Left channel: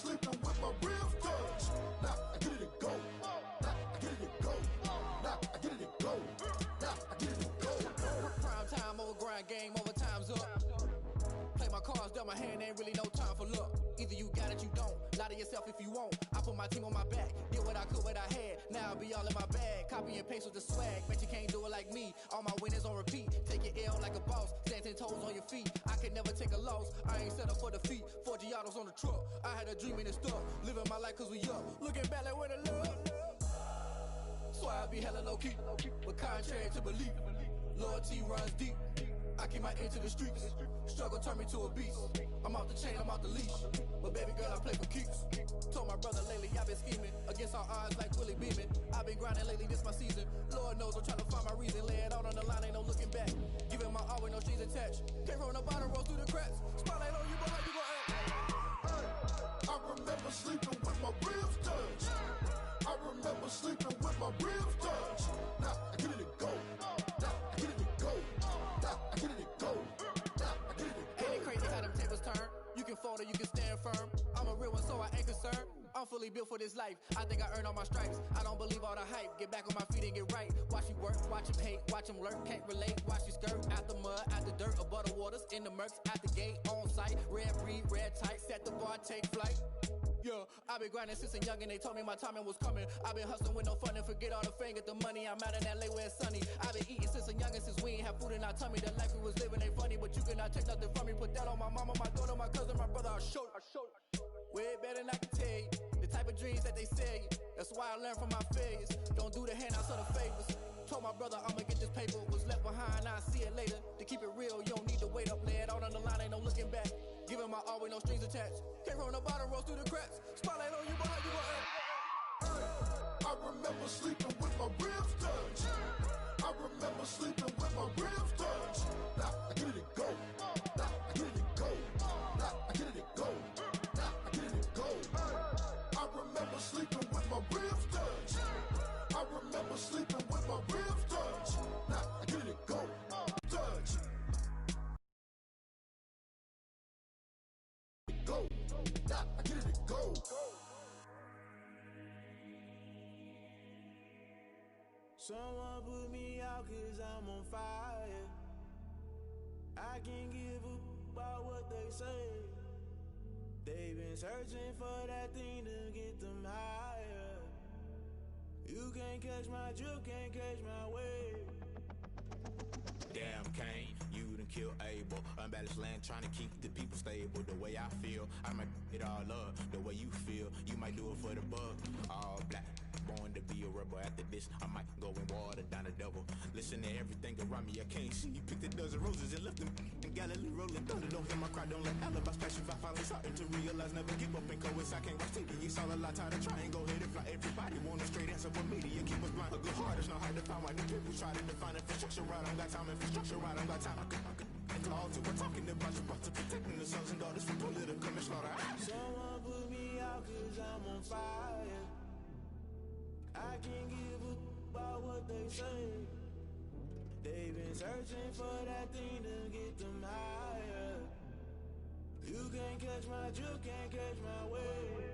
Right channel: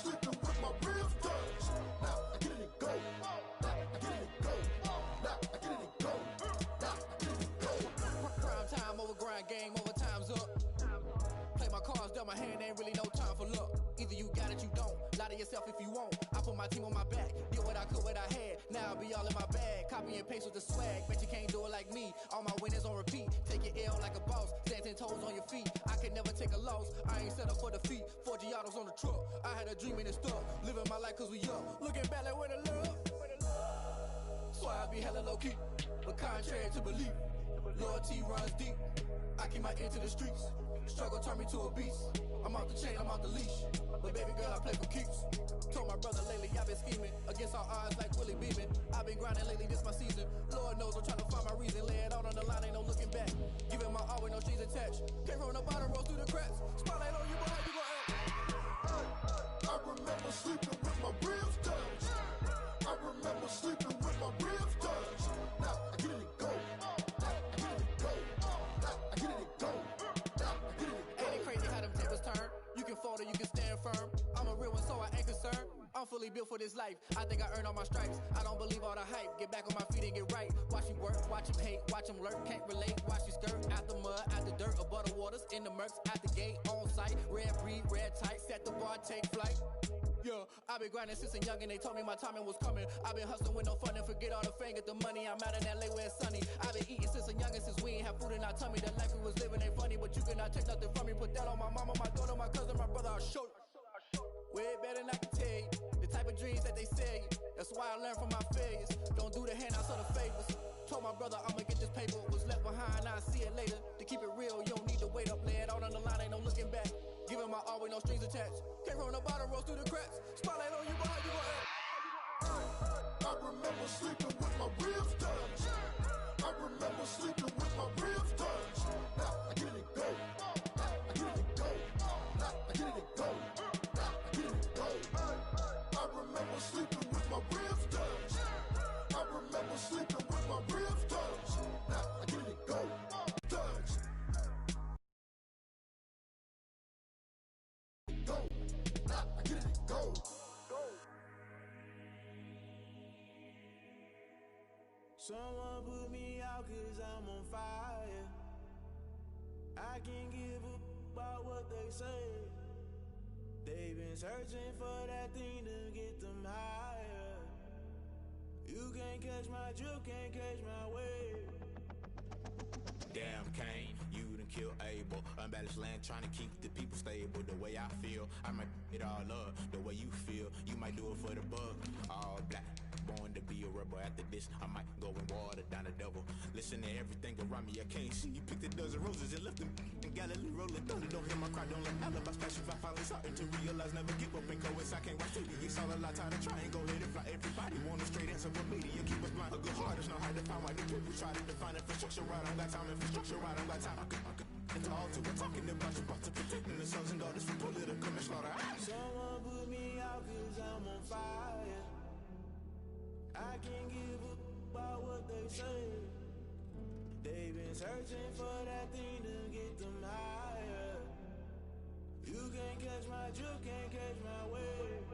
sleeping with my ribs touched. Now I get it and go. Now I get it and go. Now I get it and go. Now I get it and go. Prime time over grind, game over, time's up. Play my cards, dealt my hand, ain't really no time for luck. Either you got it, you don't. Lie to yourself if you won't. I put my team on my back, did what I could, what I had. Now I'll be all in my bag. Copy and paste with the swag. Bet you can't do it like me. All my winners on repeat. Take your L like a boss. Stand 10 toes on your feet. I can never take a loss. I ain't set up for defeat. 4 Giottos on the truck. I had a dream and it stuck. Living my life cause we up. Looking back like where the love. So I be hella low key. But contrary to belief, loyalty runs deep. I keep my ear to the streets. Struggle turned me to a beast. I'm out the chain, I'm out the leash. But baby girl, I play for keeps. Told my brother lately, I've been scheming against all odds like Willie Beeman. I've been grinding lately, this my season. Lord knows I'm trying to find my reason. Lay it out on the line, ain't no looking back. Giving my all with no strings attached. Came from the bottom, roll through the cracks. Spotlight on you, but how you gon' act? Hey, I remember sleeping with my ribs touched. I remember sleeping with my ribs touched. Now I get it and go. Now I get it and go. Now I get it and go. Now I get it and go. Ain't it crazy how them tables turn? You can fold or you can stand firm. I'm a real one, so I ain't concerned. I'm fully built for this life. I think I earned all my stripes. I don't believe all the hype. Get back on my feet and get right. Watch me work, watch him hate, watch him lurk. Can't relate, watch you skirt. Out the mud, out the dirt, above the waters, in the murks, out the gate, on site. Red breed, red tight, set the bar, take flight. Yeah, I been grinding since a young and they told me my timing was coming. I been hustling with no fun and forget all the fame, get the money. I'm out in LA where it's sunny. I been eating since a young and since we ain't have food in our tummy. The life we was living ain't funny, but you cannot take nothing from me. Put that on my mama, my daughter, my cousin, my brother, I'll show you. Way better than I can tell you. The type of dreams that they sell you. That's why I learned from my failures. Don't do the handouts or the favors. Told my brother I'ma get this paper. Was left behind, I'll see it later. To keep it real, you don't need to wait up. Lay it out on the line, ain't no looking back. Giving my all with no strings attached. Came from the bottom, rose through the cracks. Spotlight on you, but how you gon' act? Hey, I remember sleeping with my ribs touched. I remember sleeping with my ribs touched. Now I get it and go. Now I get it and go. Now I get it and go. Now I get it and go. Hey, I remember sleeping with my ribs touched. I remember sleeping with my ribs touched. Now I get it and go. Touched. Go. Now I get it and go. Someone put me out cause I'm on fire. I can't give a about what they say. They've been searching for that thing to get them higher. You can't catch my drift, can't catch my wave. Damn, Kane, you done killed Abel. Unbalanced land, trying to keep the people stable. The way I feel, I might it all up. The way you feel, you might do it for the bug. All black, born to be a rebel. After this, I might go and water down the devil. Listen to everything around me, I can't see. You picked a dozen roses and left them in Galilee rolling thunder. Don't hear my cry, don't let alibis pass you. I finally starting to realize, never give up and coast. I can't watch TV, it's all a lot, tired of trying. Go ahead and fly. Everybody want a straight answer with media, keep us blind. A good heart is not hard to find. Why new people try to define infrastructure right? I don't got time, infrastructure right, I don't got time. I could into all to we're talking about you, about to protecting the sons and daughters from political and slaughter. Someone put me out cause I'm on fire. I can't give a about what they say. They've been searching for that thing to get them higher. You can't catch my drift, can't catch my wave.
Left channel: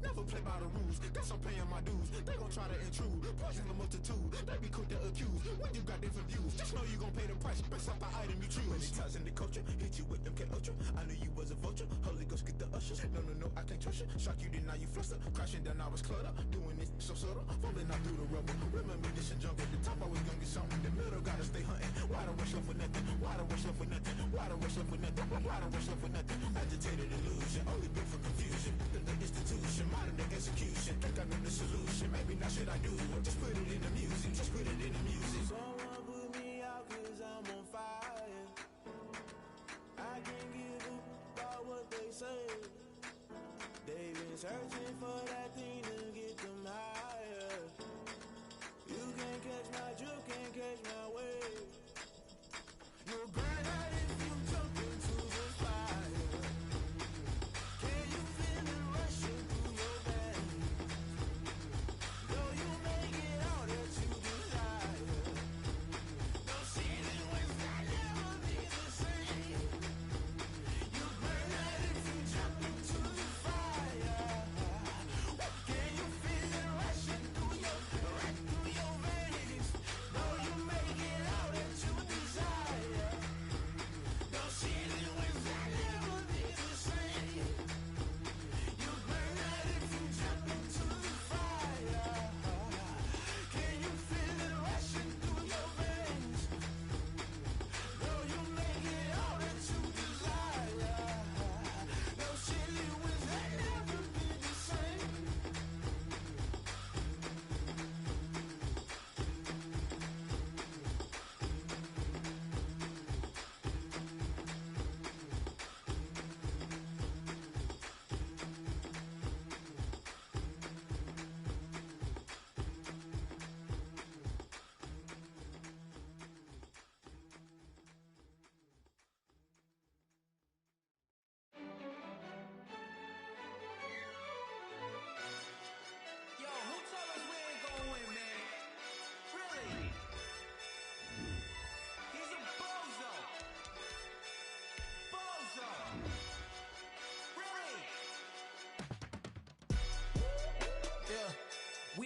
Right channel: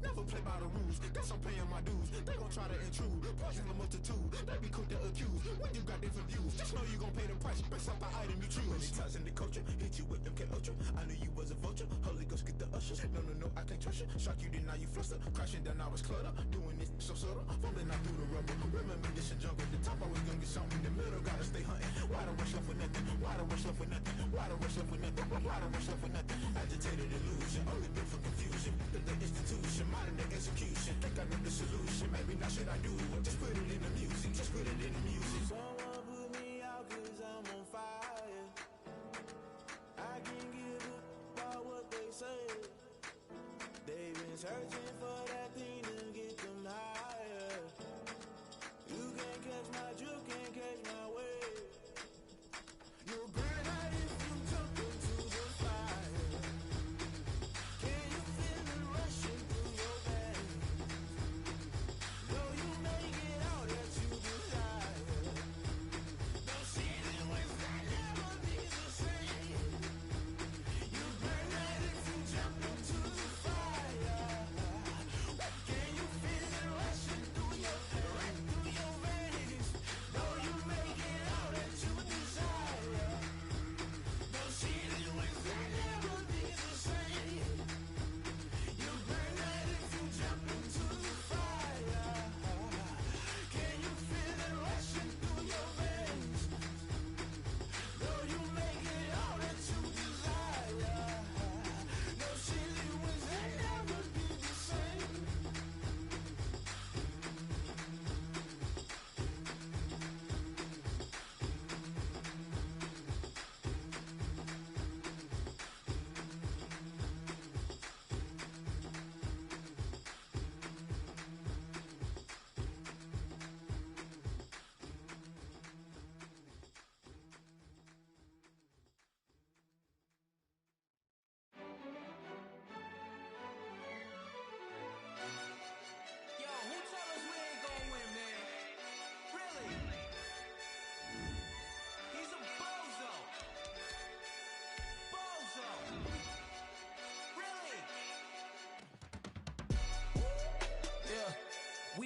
Never play by the rules, guess I'm paying my dues. They gon' try to intrude, poison the multitude. They be quick to accuse, when you got different views. Just know you gon' pay the price, based off the item you choose. Many times in the culture, hit you with them Ultra. I knew you was a vulture, Holy Ghost get the ushers. No, I can't trust you. Shock you, then now you fluster. Crashing down, I was clutter. Doing this so subtle, fumbling out through the rubble. Remember this and jump at the top, always gonna get something. The middle gotta stay hunting. Why the rush left for nothing? Why the rush left for nothing? Why the rush left for nothing? Why the rush left for nothing? Agitated illusion, only built for confusion. The institution, modern day execution. Think I know the solution. Maybe not should I do it? Just put it in the music. Just put it in the music. Someone put me out cause I'm on fire. I can't give a about what they say. They've been searching for that thing to get them higher. You can't catch my drift, can't catch my wave. You'll burn out if you jump into the fire. Can you feel it rushing through your veins? Though you make it all that you desire. No ceiling was I never be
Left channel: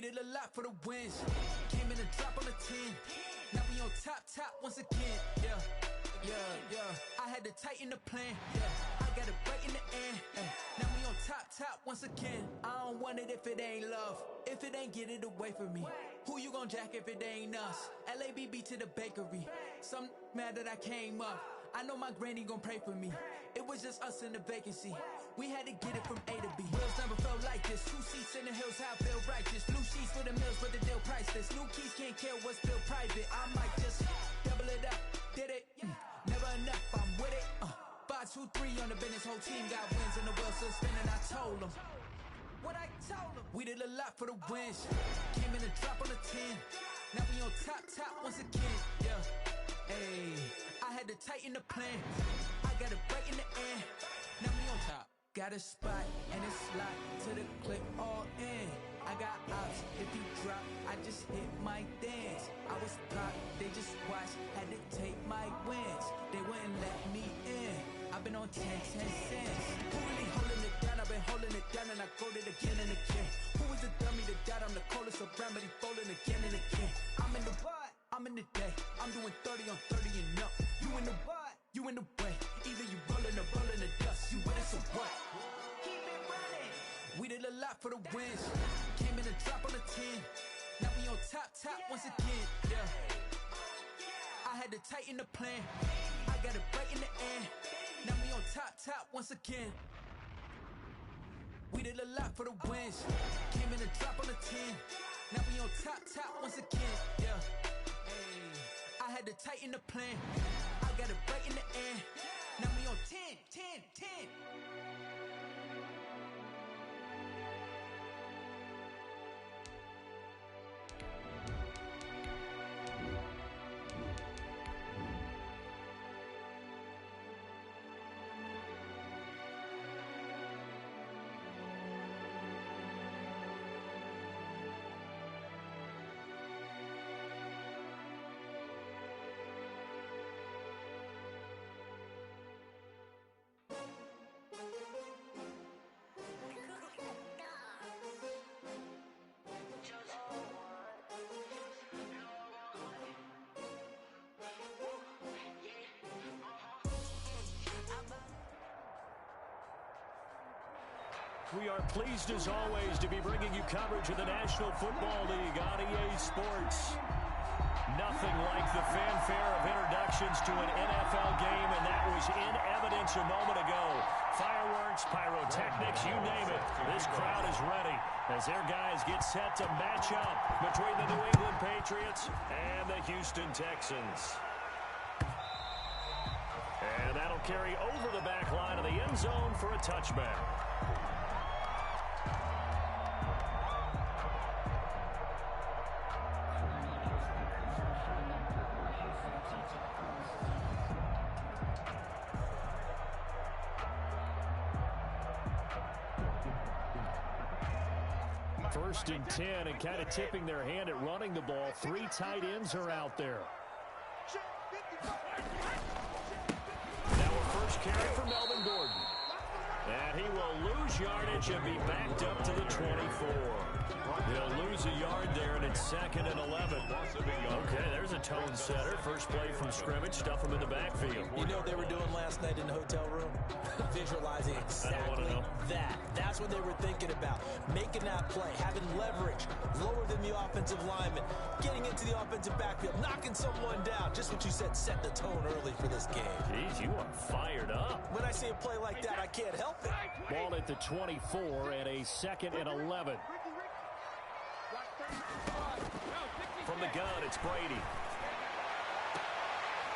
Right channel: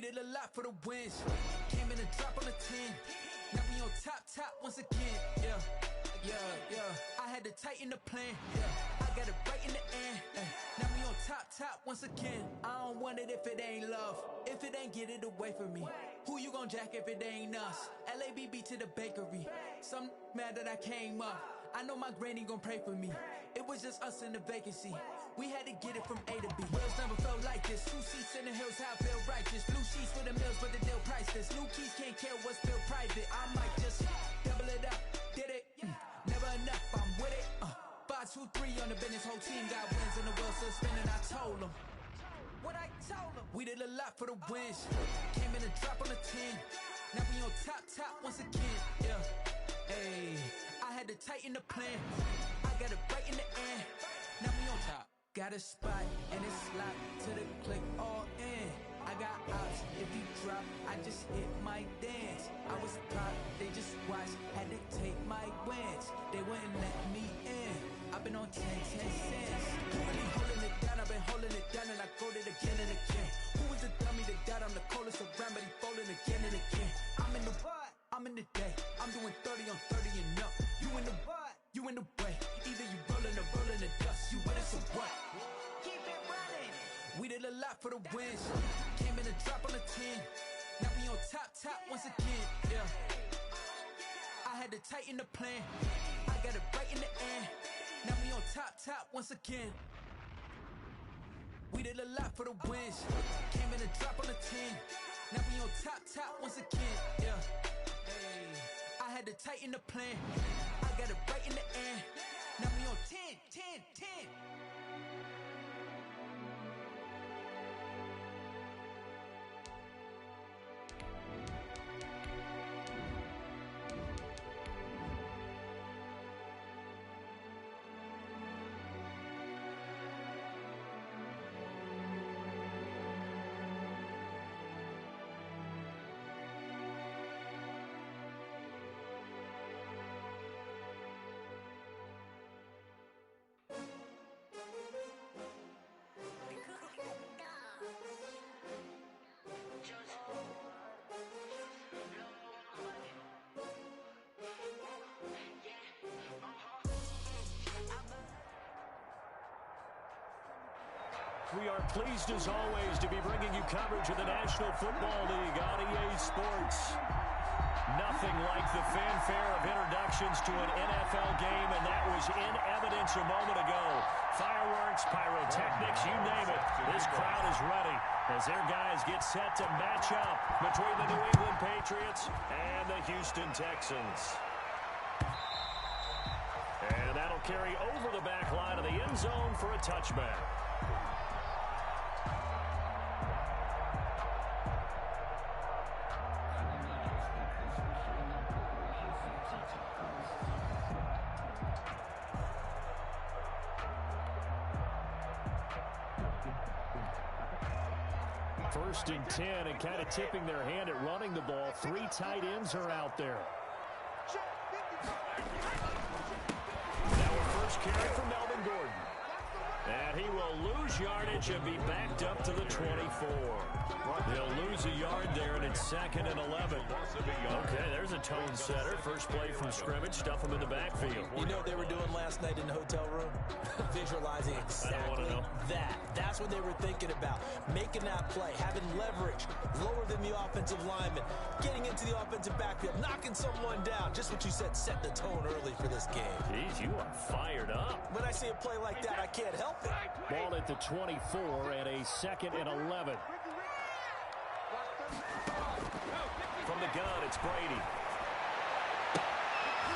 did a lot for the wins. Came in a drop on the 10. Now we on top once again. Yeah. I had to tighten the plan. Yeah. I got it right in the end. Now we on top once again. I don't want it if it ain't love. If it ain't, get it away from me. Who you gon' jack if it ain't us? LABB to the bakery. Some mad that I came up. I know my granny gon' pray for me. It was just us in the vacancy. We had to get it from A to B. Wheels never felt like this. 2 seats in the hills, how I feel righteous. Blue sheets for the mills, but the deal priceless. New keys can't care what's still private. I might just double it up. Did it? Never enough, I'm with it. 5, 2, 3 on the business. Whole team got wins and the wheels still spinning. I told them what I told them. We did a lot for the wins. Came in a drop on the 10. Now we on top once again. Yeah. Hey, I had to tighten the plan. I got it right in the end. Now we on top. Got a spot and it's locked to the click all in. I got ops, if he drop, I just hit my dance. I was top, they just watched, had to take my wins. They wouldn't let me in. I've been on 10 cents. Who really holding it down? I've been holding it down and I go it again and again. Who was the dummy that died? I'm the coldest around, but he falling again and again. I'm in the what? I'm in the day. I'm doing 30 on 30 and up. You in the what? You in the way. Either you rolling or rolling the dust. You with us or what? Keep it running. We did a lot for the wins. Came in a drop on the 10. Now we on top once again. Yeah. I had to tighten the plan. I got it right in the end. Now we on top once again. We did a lot for the wins. Came in a drop on the 10. Now we on top once again. Yeah. Hey, I had to tighten the plan. I got it right in the end. Now we on 10. We are pleased as always to be bringing you coverage of the National Football League on EA Sports. Nothing like the fanfare of introductions to an NFL game, and that was in evidence a moment ago. Fireworks, pyrotechnics, you name it. This crowd is ready as their guys get set to match up between the New England Patriots and the Houston Texans. And that'll carry over the back line of the end zone for a touchback. First and 10, and kind of tipping their hand at running the ball. 3 tight ends are out there. Now a first carry for Melvin Gordon. And he will lose yardage and be backed up to the 24. They'll lose a yard there, and it's 2nd and 11. Okay, there's a tone setter. First play from scrimmage, stuff him in the backfield. You know what they were doing last night in the hotel room? Visualizing exactly that. That's what they were thinking about. Making that play, having leverage, lower than the offensive lineman, getting into the offensive backfield, knocking someone down. Just what you said, set the tone early for this game. Jeez, you are fired up. When I see a play like that, I can't help it. Ball at the 24 and a 2nd and 11. From the gun, it's Brady.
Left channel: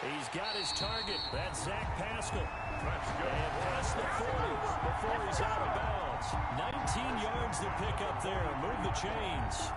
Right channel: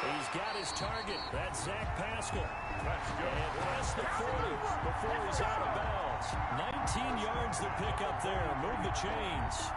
He's got his target. That's Zach Pascal. And past the 40 before he's out of bounds. 19 yards to pick up there. Move the chains.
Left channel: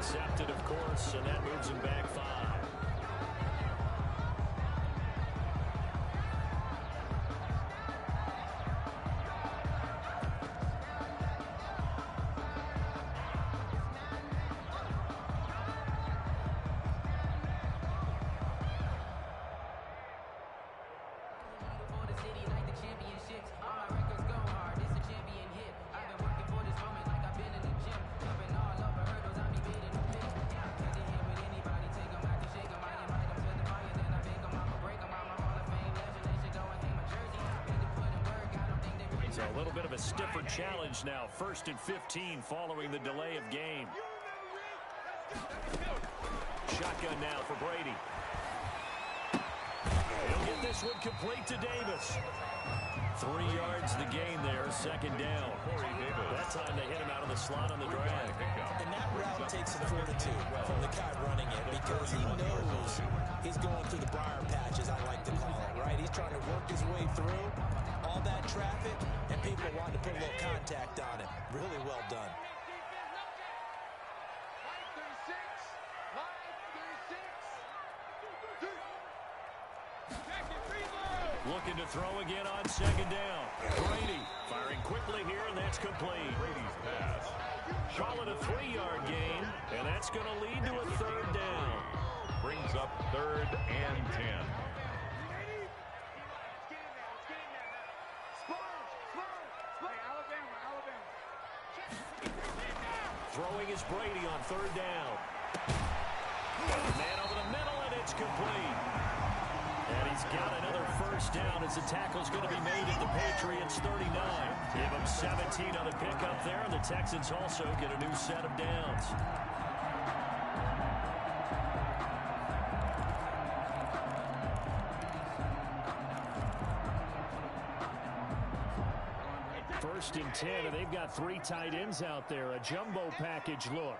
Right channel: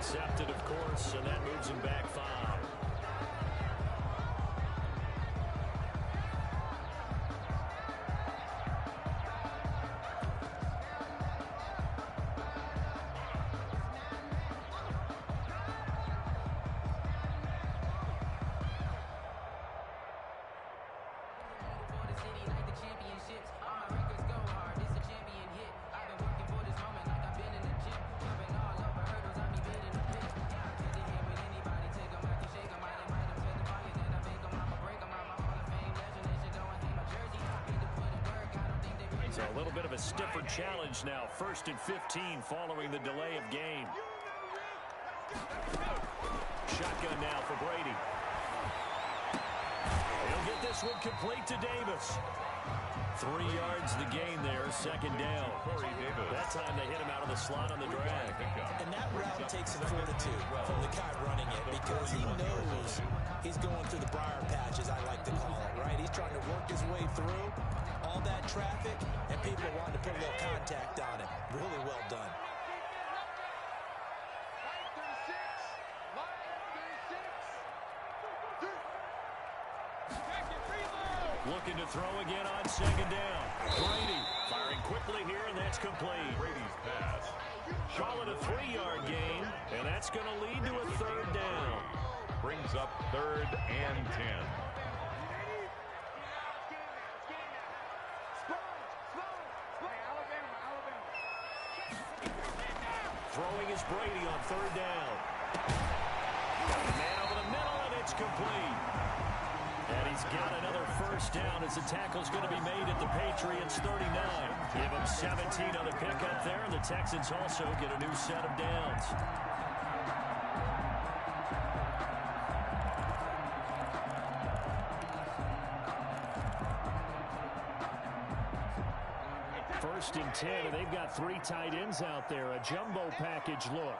Accepted, of course, and that moves him back 5. So a little bit of a stiffer challenge now. 1st and 15 following the delay of game. Shotgun now for Brady. He'll get this one complete to Davis. 3 yards the gain there, 2nd down. That time they hit him out of the slot on the drag. And that route takes some fortitude from the guy running it, because he knows he's going through the briar patch, as I like to call it, right? He's trying to work his way through all that traffic, and people wanting to put a little contact on it. Really well done. Looking to throw again on 2nd down. Brady firing quickly here, and that's complete. Brady's pass. Call it a 3-yard gain, and that's going to lead to a 3rd down. Brings up 3rd and 10. Throwing is Brady on 3rd down. Got a man over the middle, and it's complete. And he's got another 1st down as the tackle's going to be made at the Patriots 39. Give him 17 on the pickup there, and the Texans also get a new set of downs. First and 10, and they've got 3 tight ends out there. A jumbo package look.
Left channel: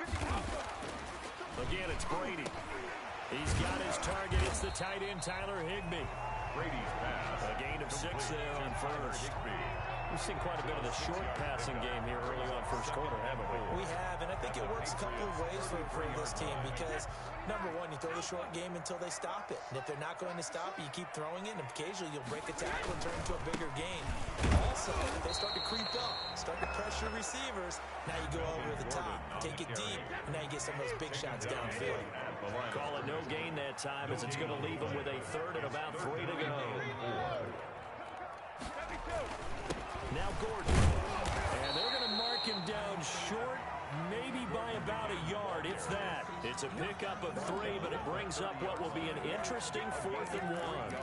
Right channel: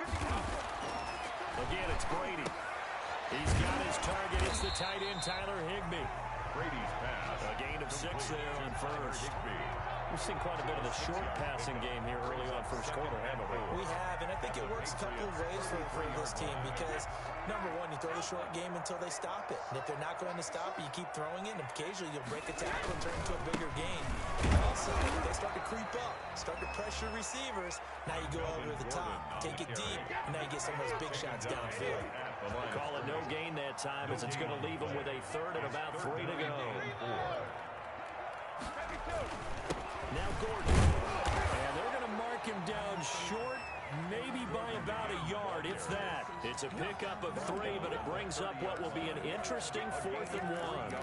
Again, it's Brady. He's got his target. It's the tight end, Tyler Higbee. Brady's pass. A gain of 6 there on 1st. We've seen quite a bit of the short passing game here early on 1st quarter, haven't we? We have, and I think it works a couple of ways for this team, because, number one, you throw the short game until they stop it. And if they're not going to stop it, you keep throwing it, and occasionally you'll break a tackle and turn it into a bigger gain. Also, if they start to creep up, start to pressure receivers, now you go over the top, take it deep, and now you get some of those big shots downfield. Call it no gain that time, as it's going to leave them with a 3rd and about 3 to go. Now Gordon. And they're going to mark him down short, maybe by about a yard, if that. It's a pickup of 3, but it brings up what will be an interesting 4th and 1.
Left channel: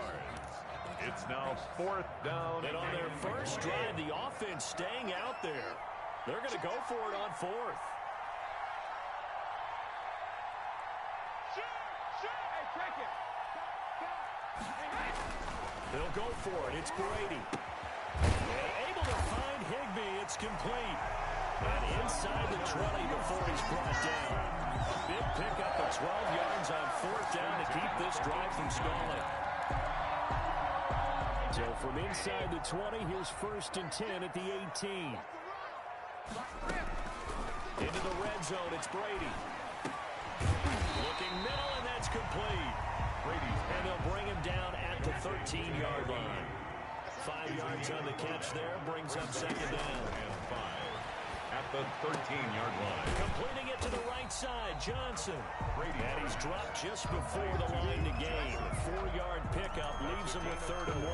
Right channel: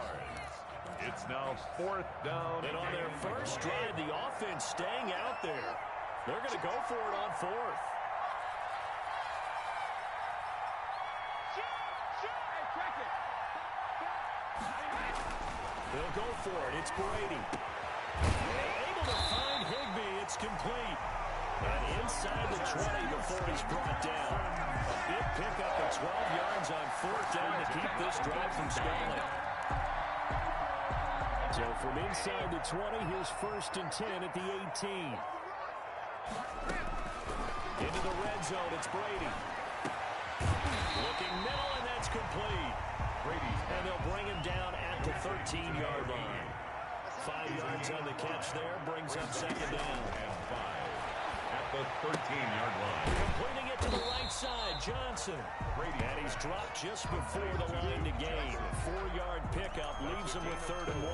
It's now 4th down. And on their first drive, the offense staying out there. They're going to go for it on 4th. They'll go for it. It's Brady. Able to find Higbee. It's complete. And inside the 20 before he's brought down. A big pickup of 12 yards on 4th down to keep this drive from stalling. So from inside the 20, here's 1st and 10 at the 18. Into the red zone, it's Brady. Looking middle, and that's complete. And they'll bring him down at the 13-yard line. 5 yards on the catch there, brings up 2nd down. And 5 at the 13-yard line. Completing it to the right side, Johnson. And he's dropped just before the line to gain. 4-yard pickup leaves him with 3rd and 1.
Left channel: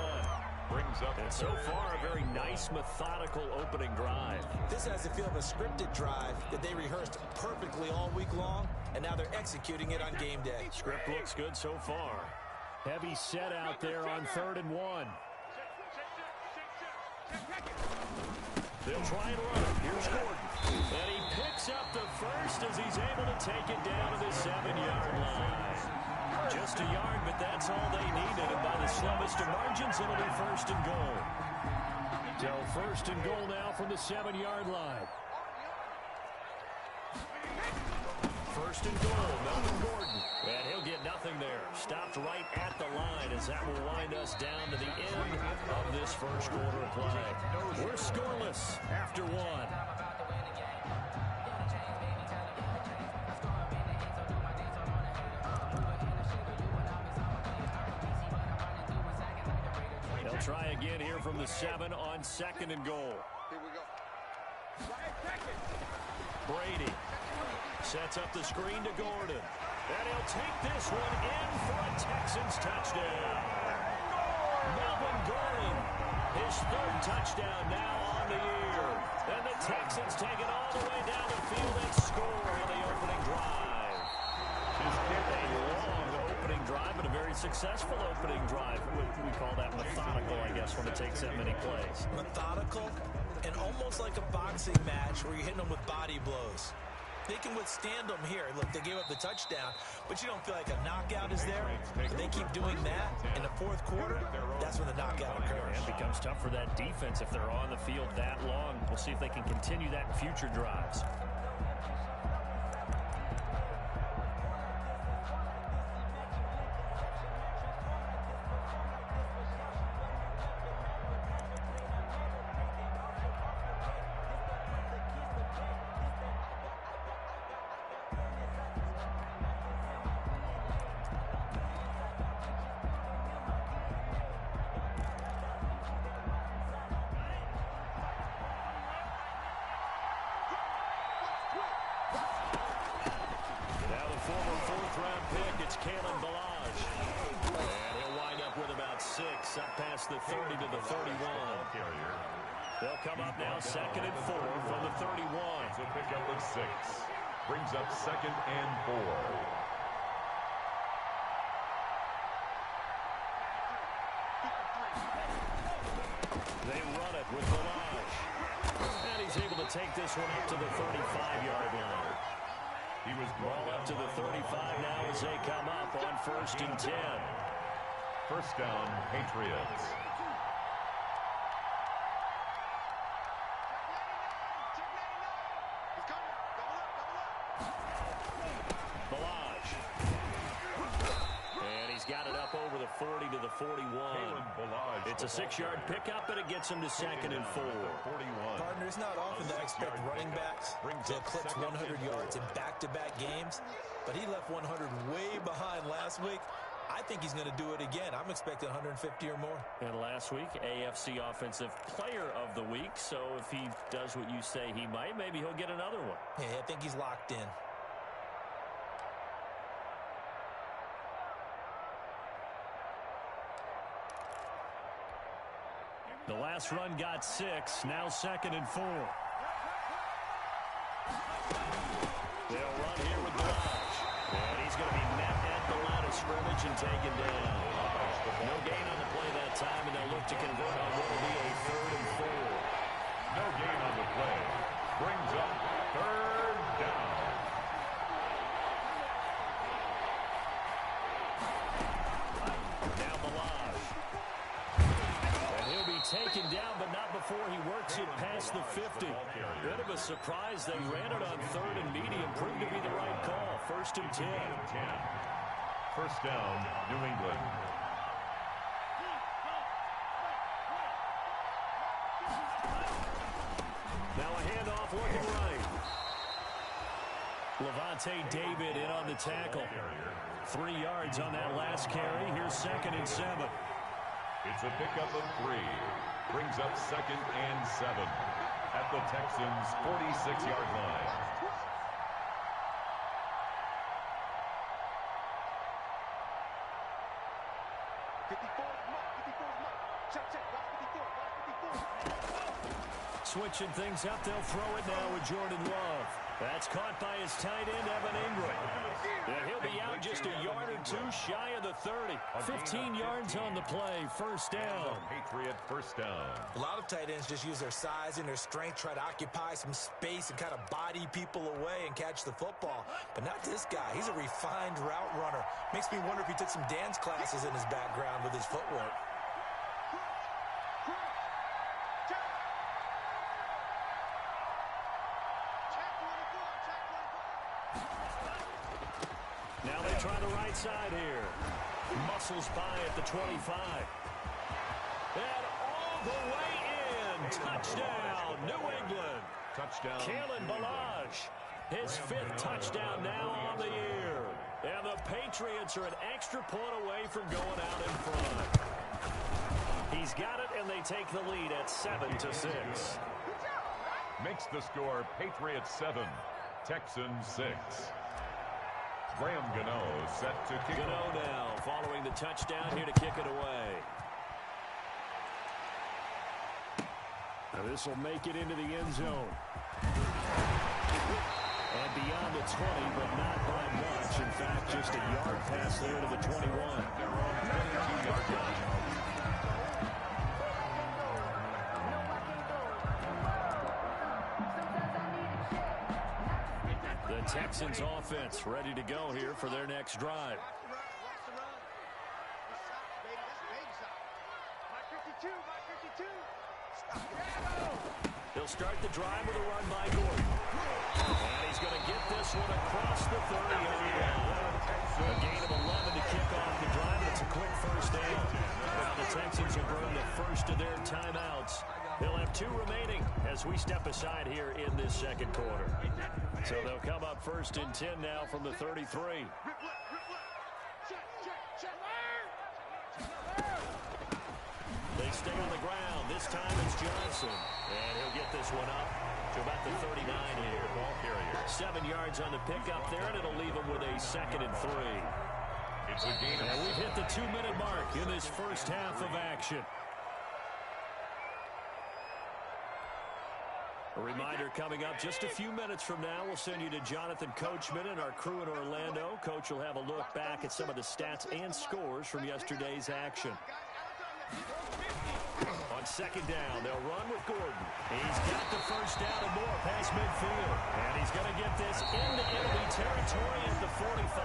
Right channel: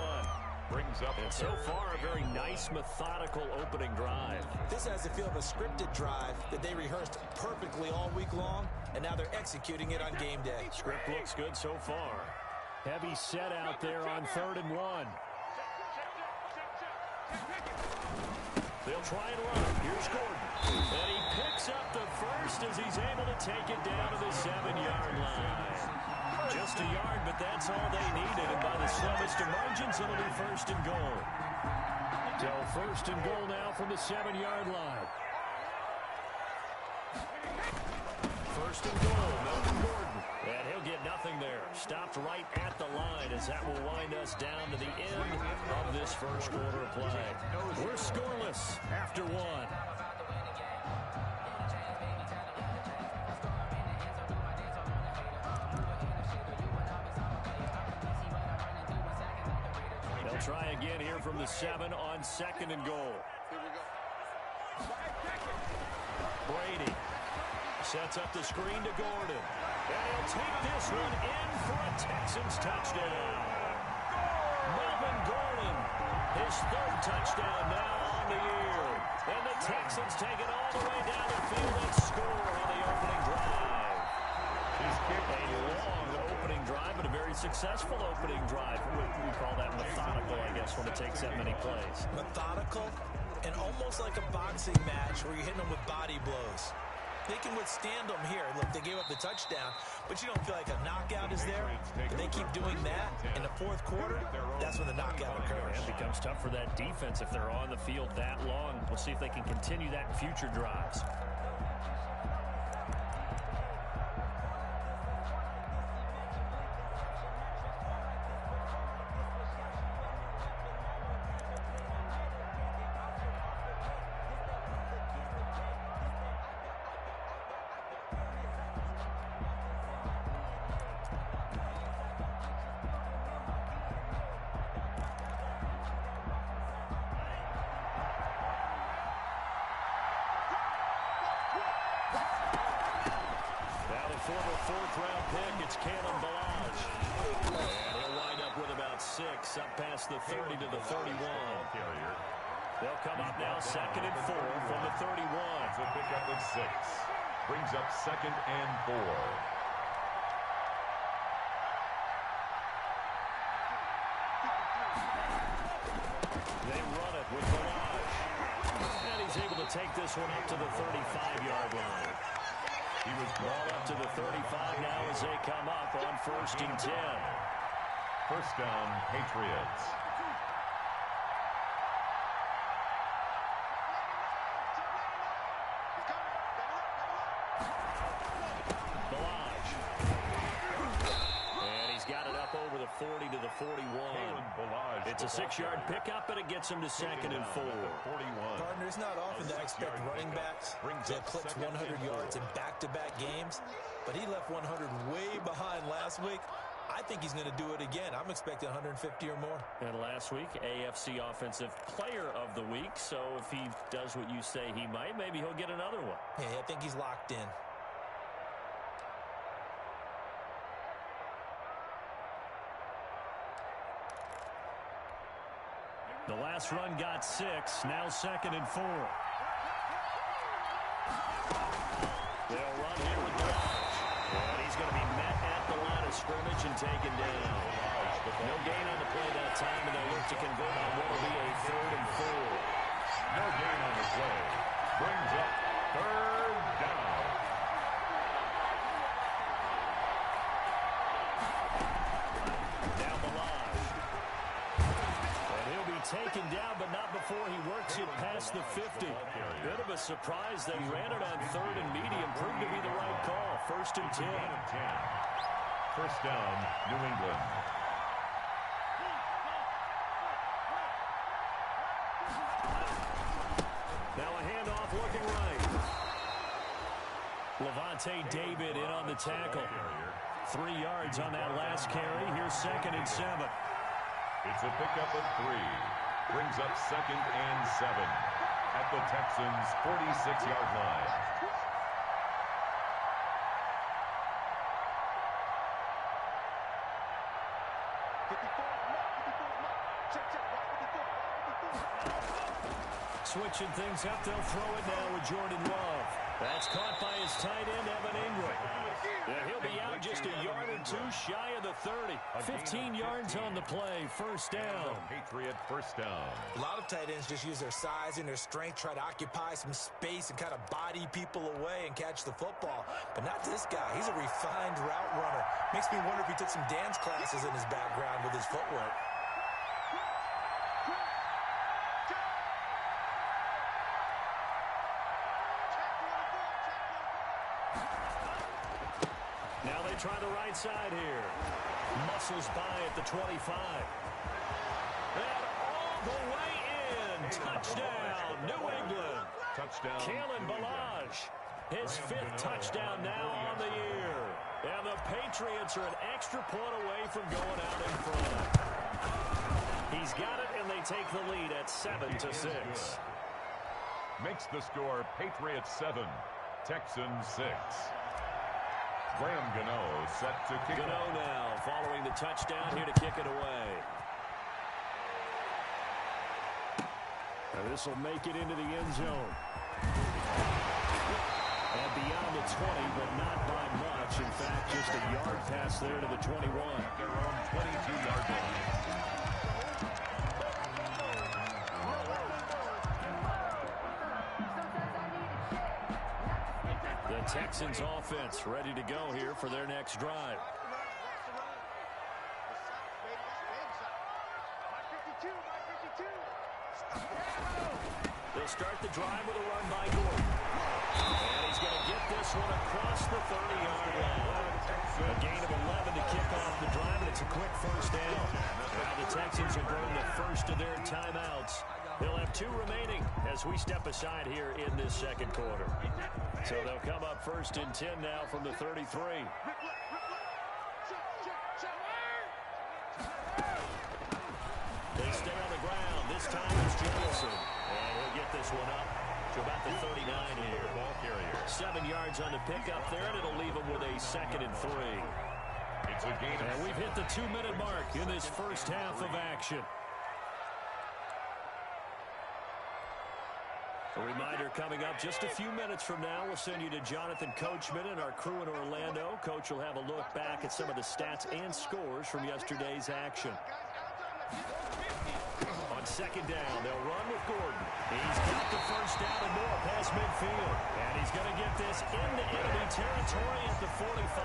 Brings up and so far, a very nice, methodical opening drive. This has the feel of a scripted drive that they rehearsed perfectly all week long, and now they're executing it on game day. Script looks good so far. Heavy set out there on 3rd and 1. They'll try and run it. Here's Gordon. And he picks up the first as he's able to take it down to the 7-yard line. Just a yard, but that's all they needed. And by the slimmest of margins, it'll be 1st and goal. So 1st and goal now from the 7-yard line. 1st and goal, Melvin Gordon. And he'll get nothing there. Stopped right at the line as that will wind us down to the end of this 1st quarter of play. We're scoreless after 1. They'll try again here from the 7 on 2nd and goal. Here we go. Brady sets up the screen to Gordon. And he'll take this one in for a Texans touchdown. Melvin Gordon, his 3rd touchdown now on the year. And the Texans take it all the way down the field and score on the opening drive. A long opening drive, but a very successful opening drive. We call that methodical, I guess, when it takes that many plays. Methodical and almost like a boxing match where you're hitting them with body blows. They can withstand them here. Look, they gave up the touchdown, but you don't feel like a knockout is there. If they keep doing that in the 4th quarter, that's when the knockout occurs. It becomes tough for that defense if they're on the field that long. We'll see if they can continue that in future drives. Former 4th-round pick, it's Kalen Balazs. And he'll wind up with about 6, up past the 30 to the 31. They'll come up now 2nd and 4 from the 31. It's a pickup of 6. Brings up 2nd and 4. They run it with Balazs. And he's able to take this one up to the 35-yard line. He was ball up to the 35 now as they come up on 1st and 10. First down, Patriots. Balazs. And he's got it up over the 40 to the 41. It's a 6-yard pickup, and it gets him to 2nd and 4. Partner, it's not often that I expect running backs to eclipse 100 yards in back-to-back games, but he left 100 way behind last week. I think he's going to do it again. I'm expecting 150 or more. And last week, AFC Offensive Player of the Week, so if he does what you say he might, maybe he'll get another one. Yeah, I think he's locked in. The last run got 6, now 2nd and 4. They'll run here with Balazs. And he's going to be met at the line of scrimmage and taken down. No gain on the play that time, and they'll look to convert on what will be a 3rd and 4. No gain on the play. Brings up 3rd down. Now Balazs. And he'll be taken down, but not before he works it past the 50. Bit of a surprise. They ran it on 3rd and medium. Proved to be the right call. 1st and 10. First down, New England. Now a handoff looking right. Levante David in on the tackle. 3 yards on that last carry. Here's 2nd and 7. It's a pickup of 3. Brings up 2nd and 7 at the Texans' 46-yard line. Switching things up, they'll throw it now with Jordan Love. That's caught by his tight end, Evan Ingram. Yeah, he'll be out just a yard or 2 shy of the 30. 15 yards on the play, first down. Patriot first down. A lot of tight ends just use their size and their strength, try to occupy some space and kind of body people away and catch the football. But not this guy. He's a refined route runner. Makes me wonder if he took some dance classes in his background with his footwork. Now they try the right side here. Muscles by at the 25. And all the way in. Touchdown, New England. Touchdown. Kalen Balazs, his 5th touchdown now on the year. And the Patriots are an extra point away from going out in front. He He's got it, and they take the lead at 7-6. Makes the score Patriots 7, Texans 6. Graham Gano set to kick Gano off. now following the touchdown here to kick it away. Now this will make it into the end zone. And beyond the 20, but not by much. In fact, just a yard pass there to the 21. At their own 22-yard line. The Texans offense ready to go here for their next drive. They'll start the drive with a run by Gordon. And he's going to get this one across the 30-yard line. A gain of 11 to kick off the drive, and it's a quick first down. Now the Texans have burned the first of their timeouts. They'll have 2 remaining as we step aside here in this second quarter. So they'll come up first and 10 now from the 33. They stay on the ground. This time it's Johnson. And he'll get this one up to about the 39 here. Ball carrier. 7 yards on the pickup there, and it'll leave them with a 2nd and 3. It's a gain of And we've hit the 2-minute mark in this first half of action. A reminder coming up just a few minutes from now, we'll send you to Jonathan Coachman and our crew in Orlando. Coach will have a look back at some of the stats and scores from yesterday's action. On second down, they'll run with Gordon. He's got the first down and more past midfield. And he's going to get this into enemy territory at the 45.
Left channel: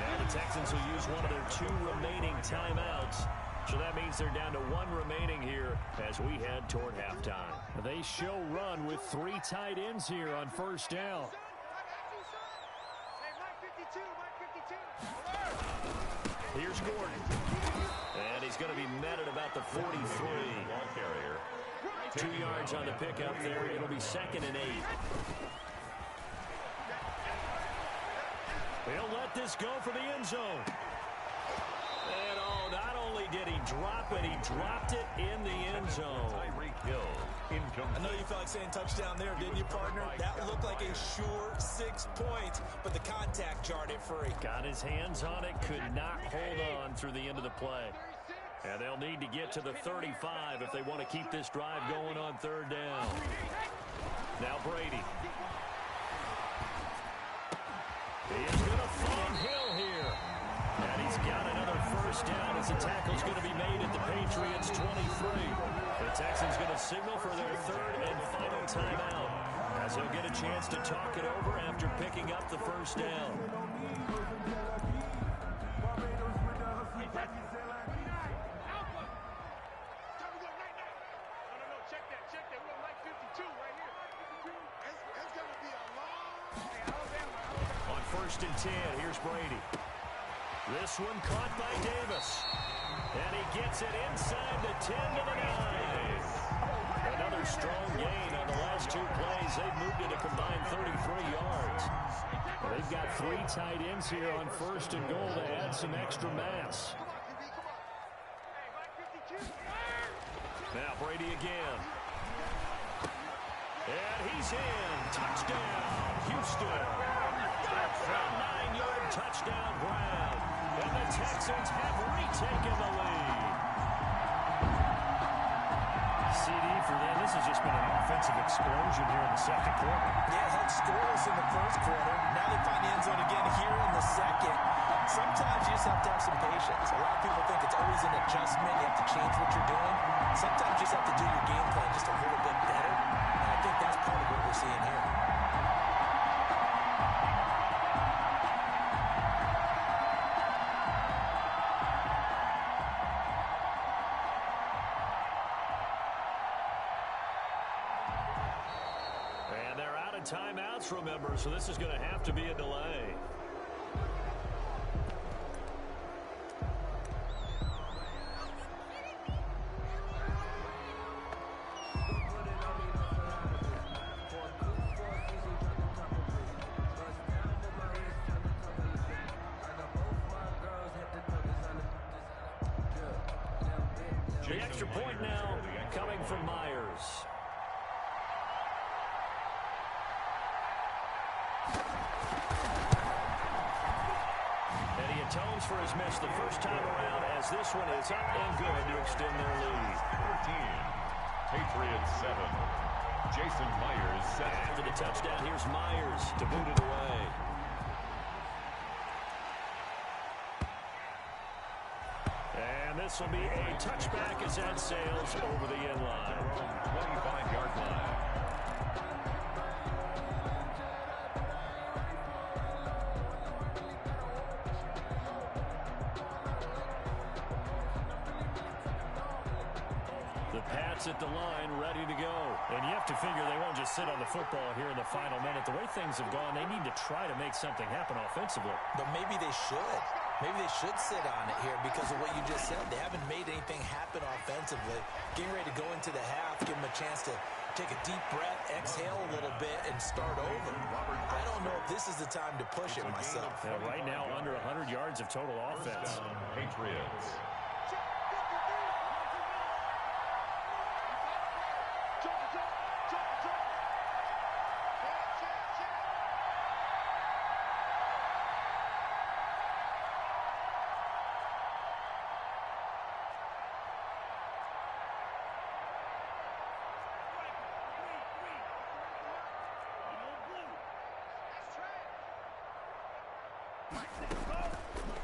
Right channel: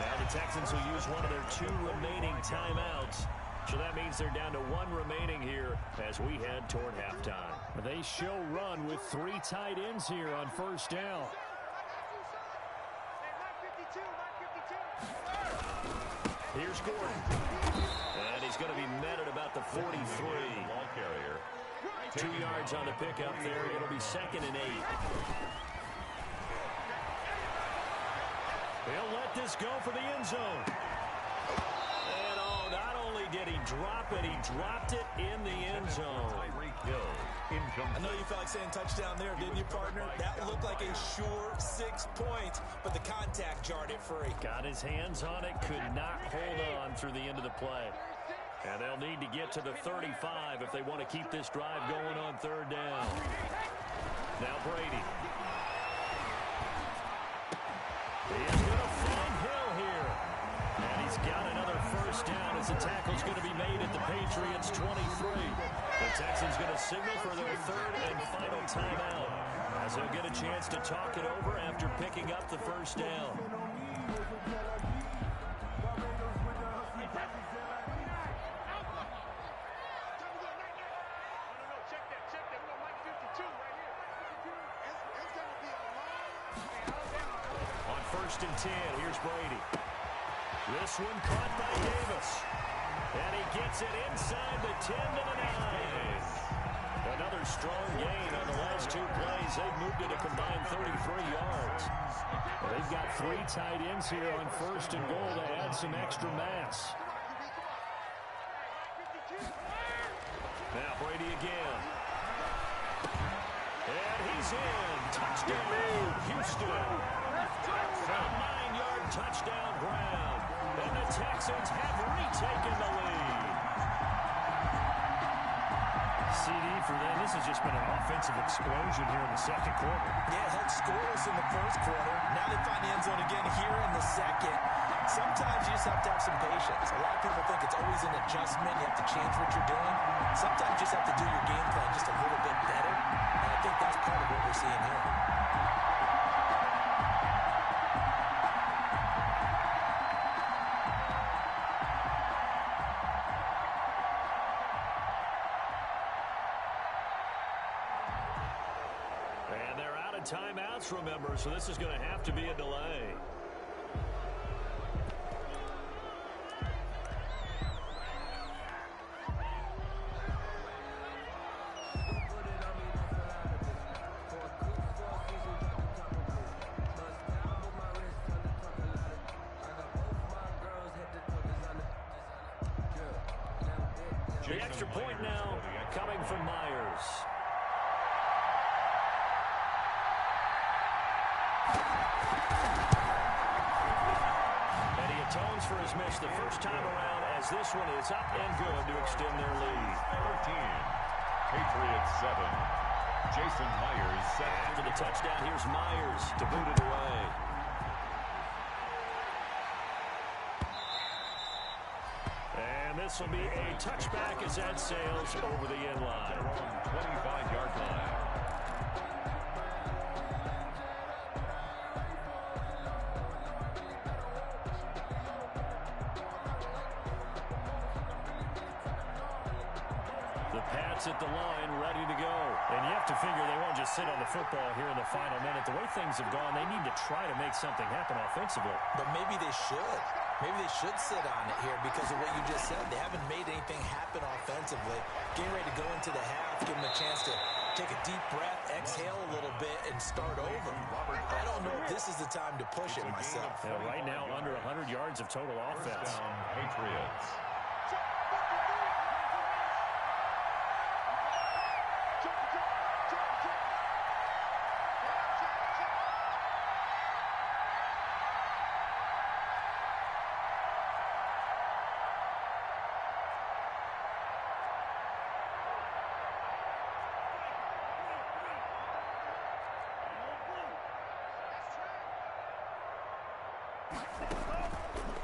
Now the Texans will use one of their 2 remaining timeouts. So that means they're down to 1 remaining here as we head toward halftime. They show run with 3 tight ends here on first down. Here's Gordon. And he's going to be met at about the 43. ball carrier. 2 yards on the pickup there. It'll be 2nd and 8. He'll let this go for the end zone. And oh, not only did he drop it, he dropped it in the end zone. I know you felt like saying touchdown there, didn't you, partner? That looked like a sure 6 points, but the contact jarred it free. Got his hands on it, could not hold on through the end of the play. And they'll need to get to the 35 if they want to keep this drive going on 3rd down. Now Brady. He is going to find Hill here. And he's got another first down as the tackle's going to be made at the Patriots' 23. The Texans going to signal for their 3rd and final timeout as they'll get a chance to talk it over after picking up the first down. On 1st and 10, here's Brady. This one caught by Davis. And he gets it inside the 10 to the 9. Another strong gain on the last 2 plays. They've moved it a combined 33 yards. Well, they've got 3 tight ends here on 1st and goal to add some extra mass. Now Brady again. And he's in. Touchdown, Houston. A 9-yard touchdown grab. And the Texans have retaken the lead. CD for them. This has just been an offensive explosion here in the second quarter. Yeah, held scoreless in the first quarter. Now they find the end zone again here in the second. Sometimes you just have to have some patience. A lot of people think it's always an adjustment. You have to change what you're doing. Sometimes you just have to do your game plan just a little bit better. And I think that's part of what we're seeing here. And they're out of timeouts, remember, so this is going to have to be a delay. The extra point now coming from Myers. And he atones for his miss the first time around as this one is up and good to extend their lead. 13. Patriots 7. Jason Myers set. After the touchdown, here's Myers to boot it away. And this will be a touchback as that sails over the end line. 25-yard line. The Pats at the line, ready to go. And you have to figure they won't just sit on the football here in the final minute. The way things have gone, they need to try to make something happen offensively. But maybe they should. Maybe they should sit on it here because of what you just said. They haven't made anything happen offensively. Getting ready to go into the half, give them a chance to take a deep breath, exhale a little bit, and start over. I don't know if this is the time to push it myself. Yeah, right now, under 100 yards of total offense. First down, Patriots.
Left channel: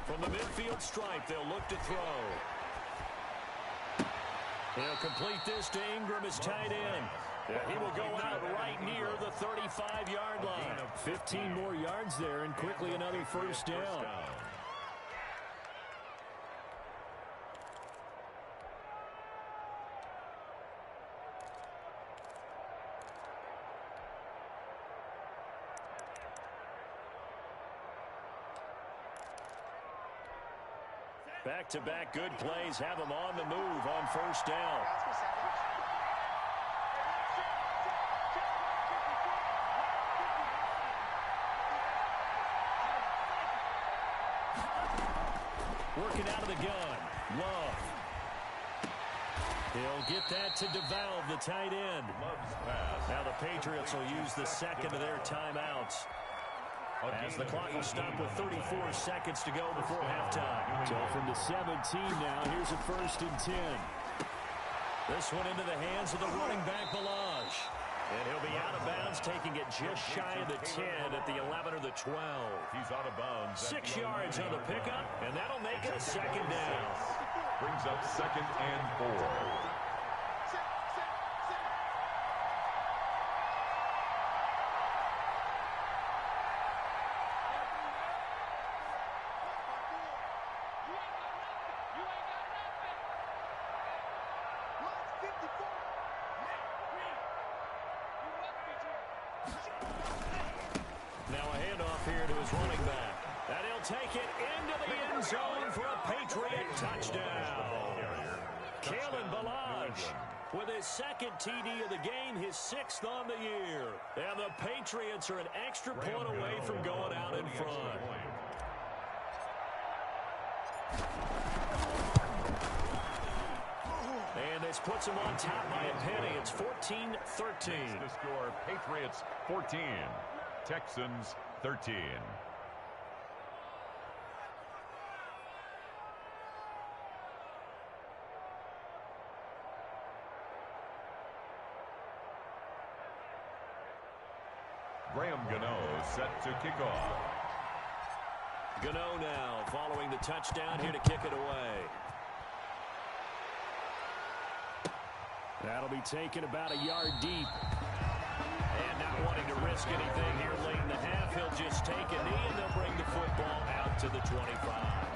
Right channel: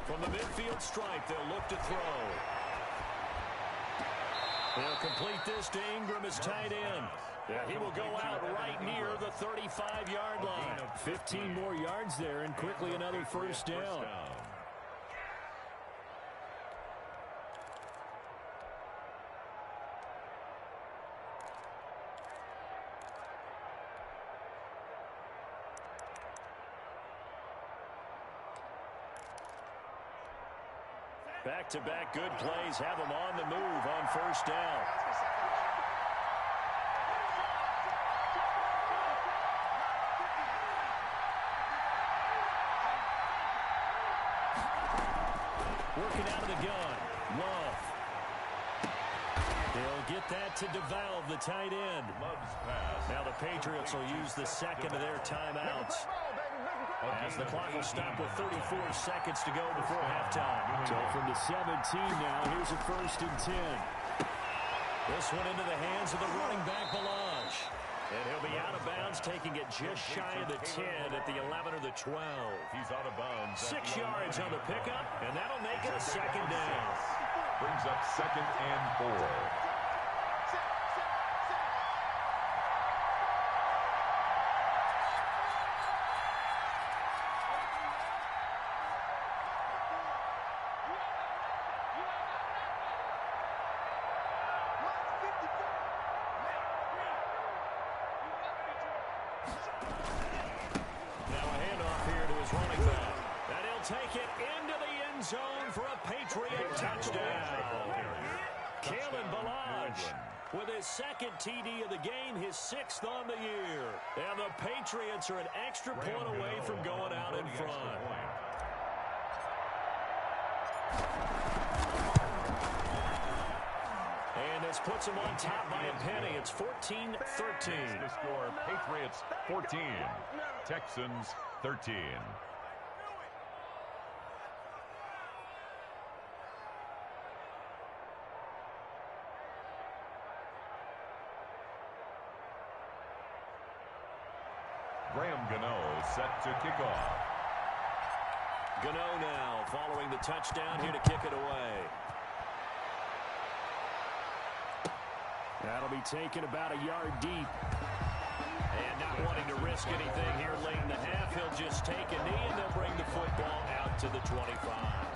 From the midfield stripe, they'll look to throw. They'll complete this to Ingram as tight end. Yeah, he will go out right near the 35-yard line. 15 more yards there and quickly another first down. Back-to-back good plays have them on the move on first down. Working out of the gun. Love. He'll get that to DeValve, the tight end. Now the Patriots will use the second of their timeouts, as the clock will stop with 34 seconds to go before halftime. So from the 17 now, here's a 1st and 10. This one into the hands of the running back, Balaj. And he'll be out of bounds, taking it just shy of the 10 at the 11 or the 12. He's out of bounds. 6 yards on the pickup, and that'll make it a second down. Brings up 2nd and 4. Take it into the end zone for a Patriot touchdown. Kalen Balaj with his 2nd TD of the game, his 6th on the year. And the Patriots are an extra point away from going out in front. And this puts them on top by a penny. It's 14-13. The score, Patriots 14, Texans 13. Graham Gano set to kick off. Gano now following the touchdown here to kick it away. That'll be taken about a yard deep. And not wanting to risk anything here late in the half, he'll just take a knee and they'll bring the football out to the 25.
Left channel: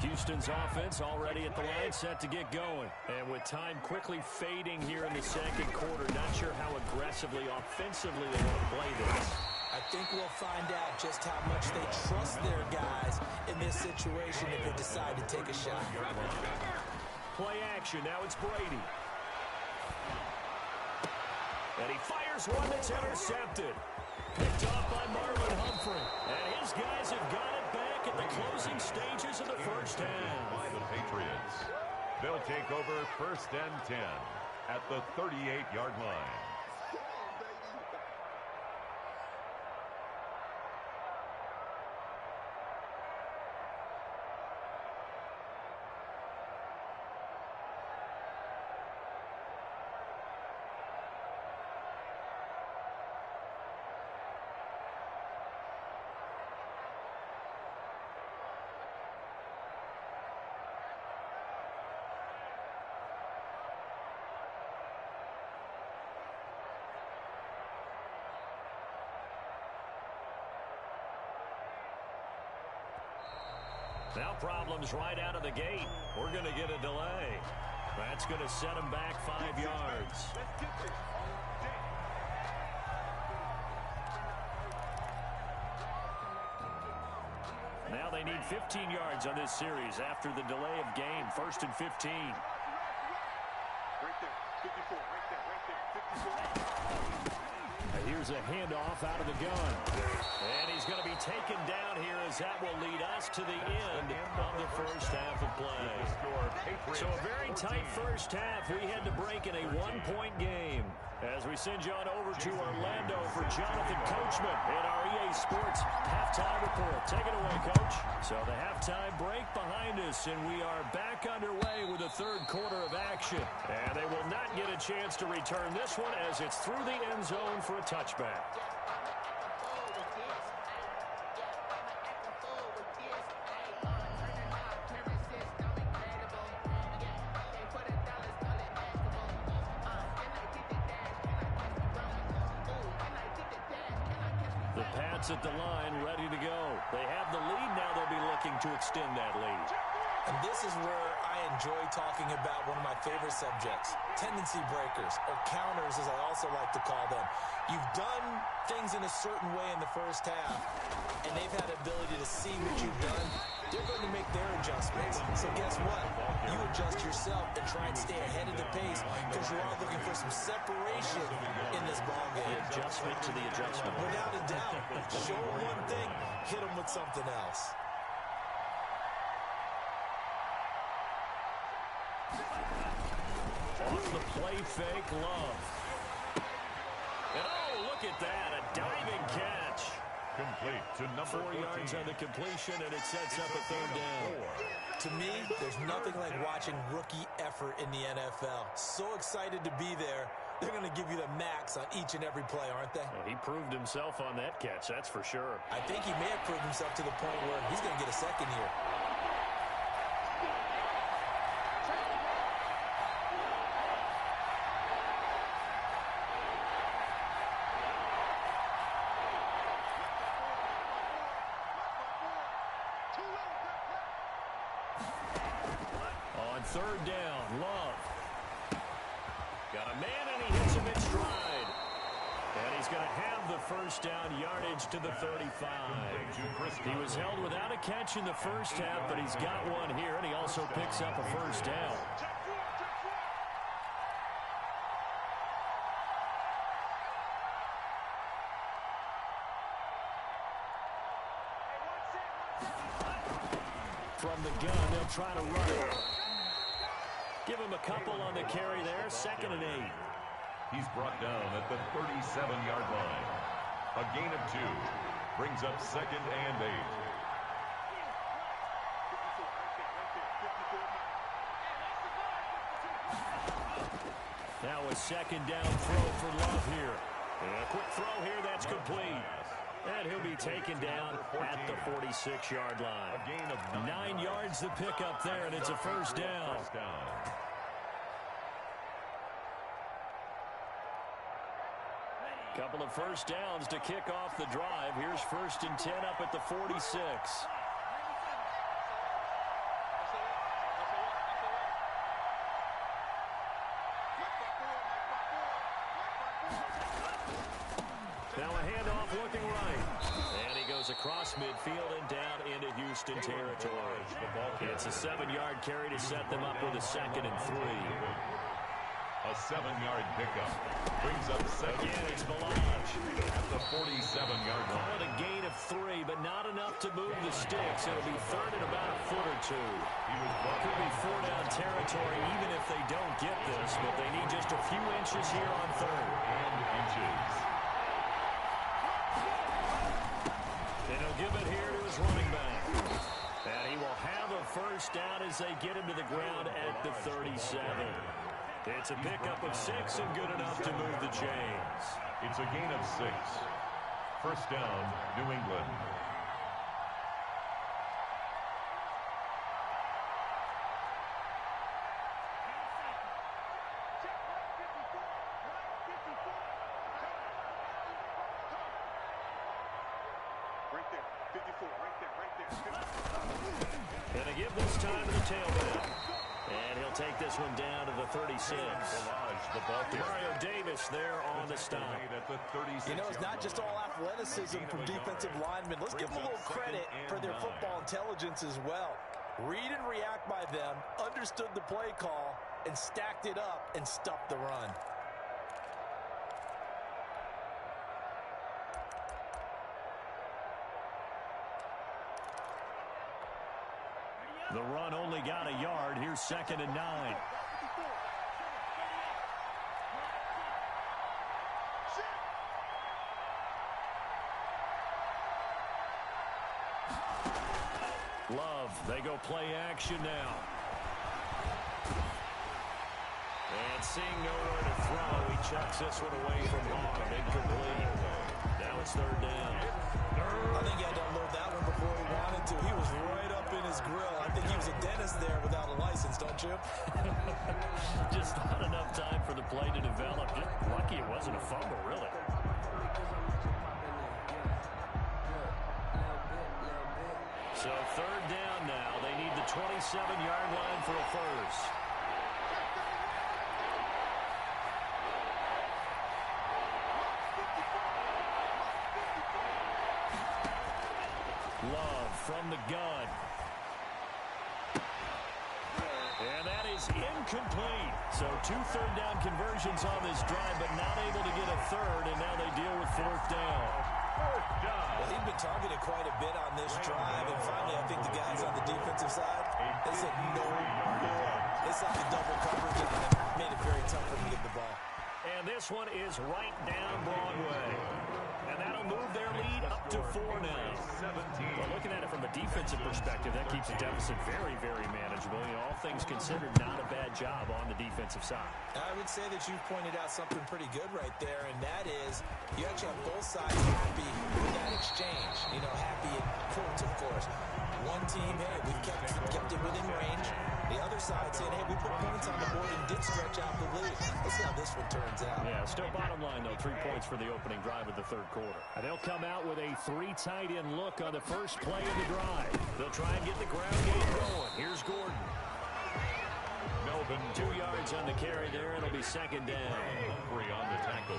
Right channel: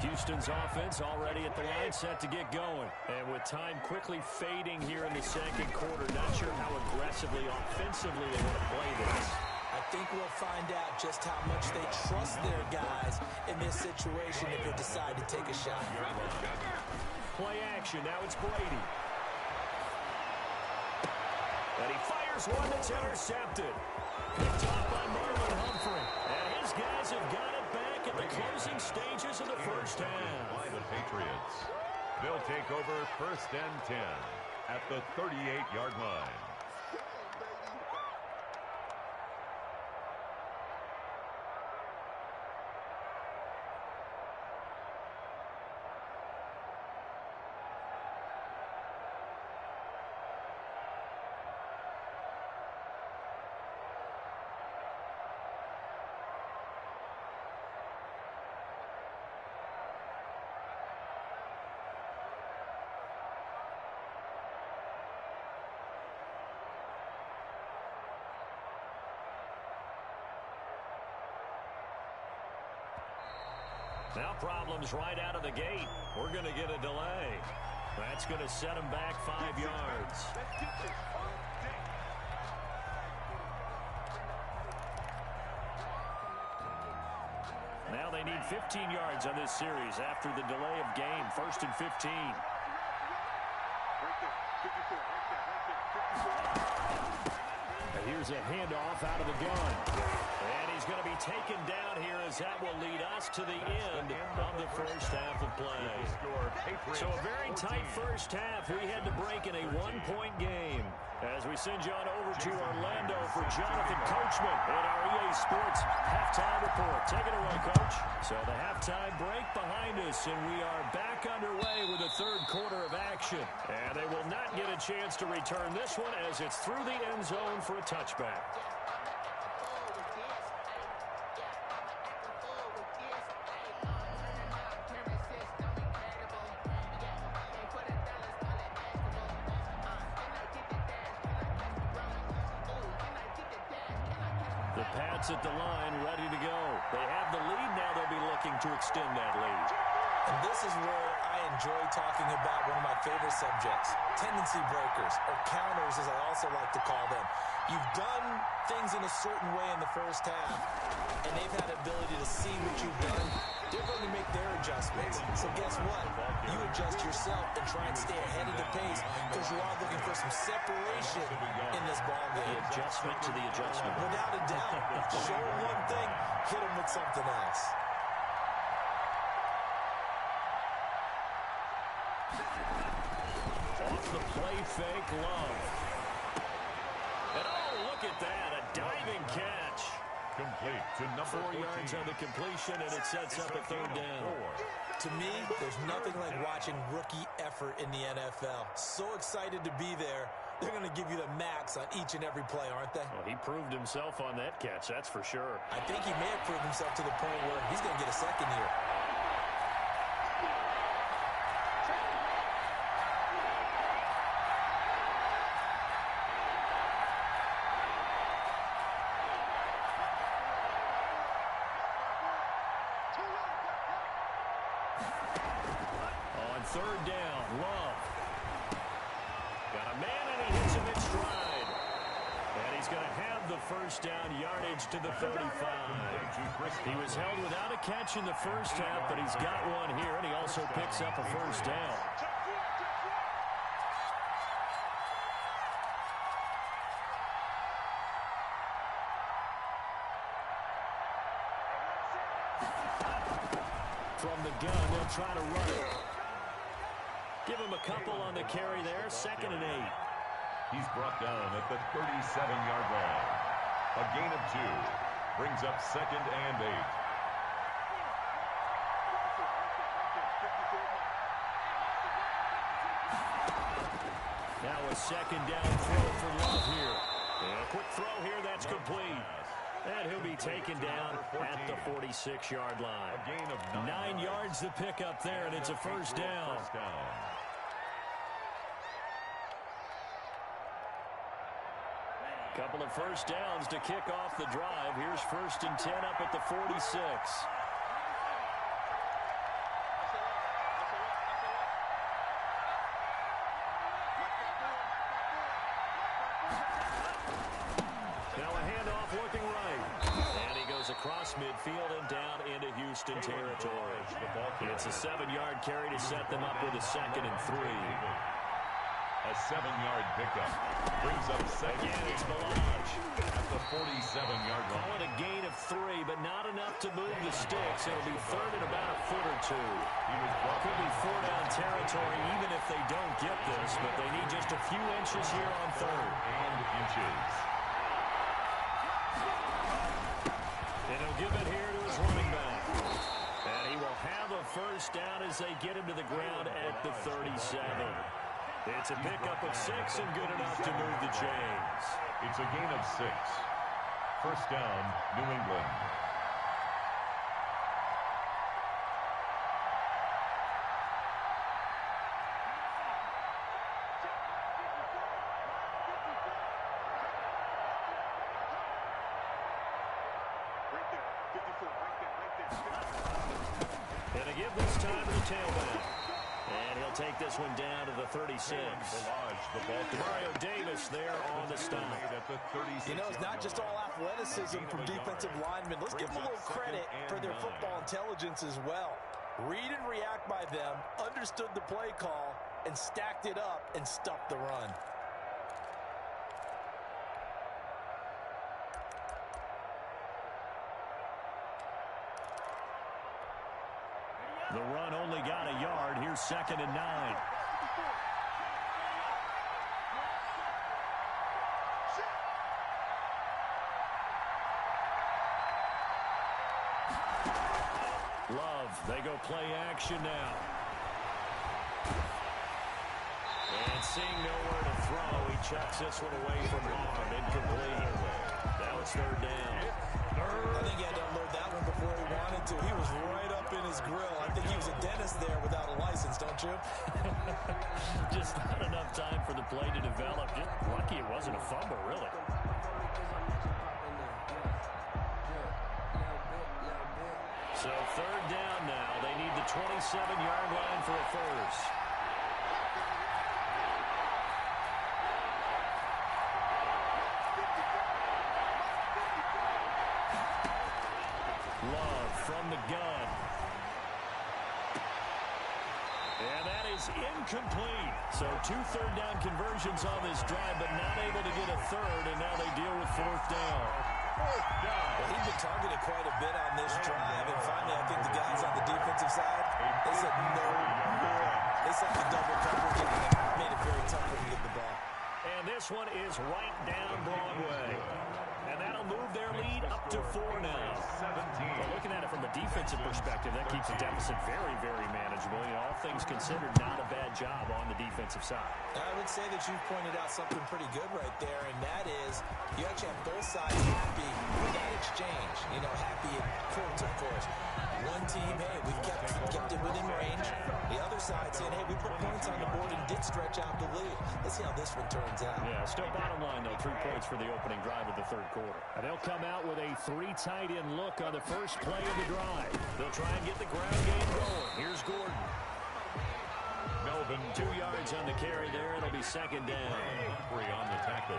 Houston's offense already at the line, set to get going. And with time quickly fading here in the second quarter, not sure how aggressively, offensively they want to play this. I think we'll find out just how much they trust their guys in this situation if they decide to take a shot. Play action. Now it's Brady. And he fires one that's intercepted. Picked off by Marlon Humphrey. And his guys have got it back at the closing stages of the first half. By the Patriots. They'll take over 1st and 10 at the 38-yard line. Now problems right out of the gate. We're going to get a delay. That's going to set them back 5 yards. Now they need 15 yards on this series after the delay of game. 1st and 15. Right there, 54, right there, 54. And here's a handoff out of the gun. And he's going to be taken down here as that will lead us to the end of the first half of play. So a very tight first half. We had to break in a 1-point game. As we send you on over to Orlando for Jonathan Coachman in our EA Sports halftime report. Take it away, Coach. So the halftime break behind us, and we are back underway with the third quarter of action. And they will not get a chance to return this one as it's through the end zone for a touchback. The Pats at the line, ready to go. They have the lead now. They'll be looking to extend that lead. And this is where I enjoy talking about one of my favorite subjects, tendency breakers, or counters as I also like to call them. You've done things in a certain way in the first half, and they've had the ability to see what you've done. They're going to make their adjustments. So guess what? You adjust yourself and try and stay ahead of the pace because you're all looking for some separation in this ballgame. The adjustment to the adjustment. Without a doubt. Show them one thing, hit them with something else. Off the play fake, Love. And oh, look at that, a diving catch. Complete to number 4 yards on the completion, and it sets up a third down. To me, there's nothing like watching rookie effort in the NFL. So excited to be there. They're going to give you the max on each and every play, aren't they? Well, he proved himself on that catch, that's for sure. I think he may have proved himself to the point where he's going to get a second here. On third down, Love. Got a man, and he hits him in stride. And he's going to have the first down yardage to the 35. He was held without a catch in the first half, but he's got one here, and he also picks up a first down. From the gun, they'll try to run it. Give him a couple on the carry there, 2nd and 8. He's brought down at the 37-yard line. A gain of 2 brings up 2nd and 8. Now a 2nd down throw for Love here. And a quick throw here, that's complete. And he'll be taken down at the 46-yard line. A gain of 9 yards to pick up there, and it's a first down. Couple of first downs to kick off the drive. Here's 1st and 10 up at the 46. Now a handoff looking right. And he goes across midfield and down into Houston territory. It's a 7-yard carry to set them up with a 2nd and 3. A 7-yard pickup. Brings up second. Again, it's Balaj. At the 47-yard line. Call it a gain of 3, but not enough to move the sticks. It'll be third and about a foot or two. Could be 4-down territory even if they don't get this, but they need just a few inches here on third. And inches. And he'll give it here to his running back. And he will have a first down as they get him to the ground at the 37. It's a pickup of 6 and good enough to move the chains. It's a gain of 6. First down, New England. Right there. 54. Right there. And they give this time to the tailback. And he'll take this one down to the 36. Mario Davis there on the stop. You know, it's not just all athleticism from defensive linemen. Let's give them a little credit for their football intelligence as well. Read and react by them, understood the play call, and stacked it up and stuffed the run. The run only got a yard. Here's 2nd and 9. Love, they go play action now. And seeing nowhere to throw, he chucks this one away from harm. Incomplete. Now it's 3rd down. I think he had to unload that one before he wanted to. He was right up in his grill. I think he was a dentist there without a license, don't you? Just not enough time for the play to develop. Just lucky it wasn't a fumble, really. So 3rd down now. They need the 27-yard line for a first. Love from the gun. And that is incomplete. So 2 third-down conversions on this drive, but not able to get a third, and now they deal with 4th down. Well, he'd been targeted quite a bit on this drive, and finally I think the guys on the defensive side, they said no more. They saw the double coverage and made it very tough for him to get the ball. And this one is right down Broadway. And that'll move their lead up to 4 now. Well, looking at it from a defensive perspective, that keeps the deficit very, very manageable. You know, all things considered, not a bad job on the defensive side. I would say that you've pointed out something pretty good right there, and that is you actually have both sides happy with that exchange. You know, happy in quotes, of course. One team, hey, we've kept it within range. The other side saying, hey, we put points on the board and did stretch out the lead. Let's see how this one turns out. Yeah, still bottom line, though, 3 points for the opening drive of the 3rd quarter. And they'll come out with a 3 tight end look on the first play of the drive. They'll try and get the ground game going. Here's Gordon. Melvin 2 yards on the carry there. It'll be 2nd down. Humphrey on the tackle.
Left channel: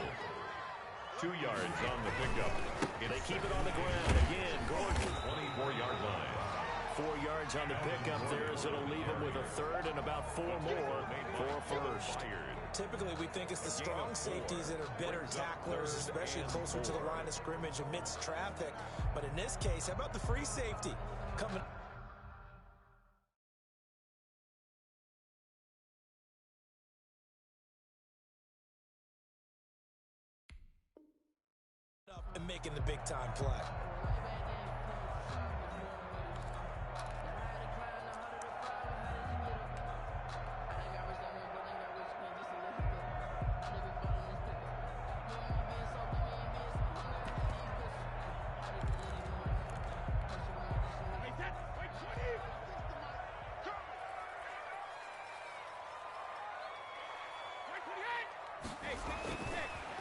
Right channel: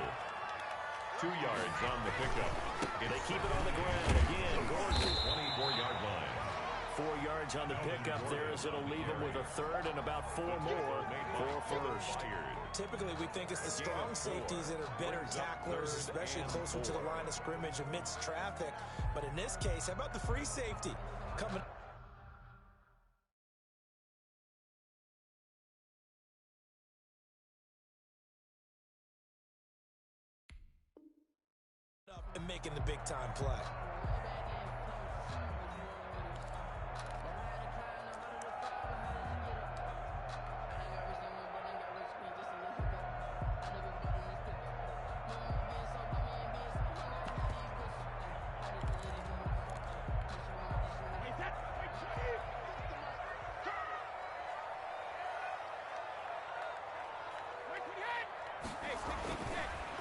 2 yards on the pickup. They keep it on the ground. Again, Gordon. 24-yard line. 4 yards on the pickup there as it'll leave him with a third and about 4 more for first. Typically, we think it's the strong safeties that are better tacklers, especially closer to the line of scrimmage amidst traffic. But in this case, how about the free safety coming up and making the big-time play?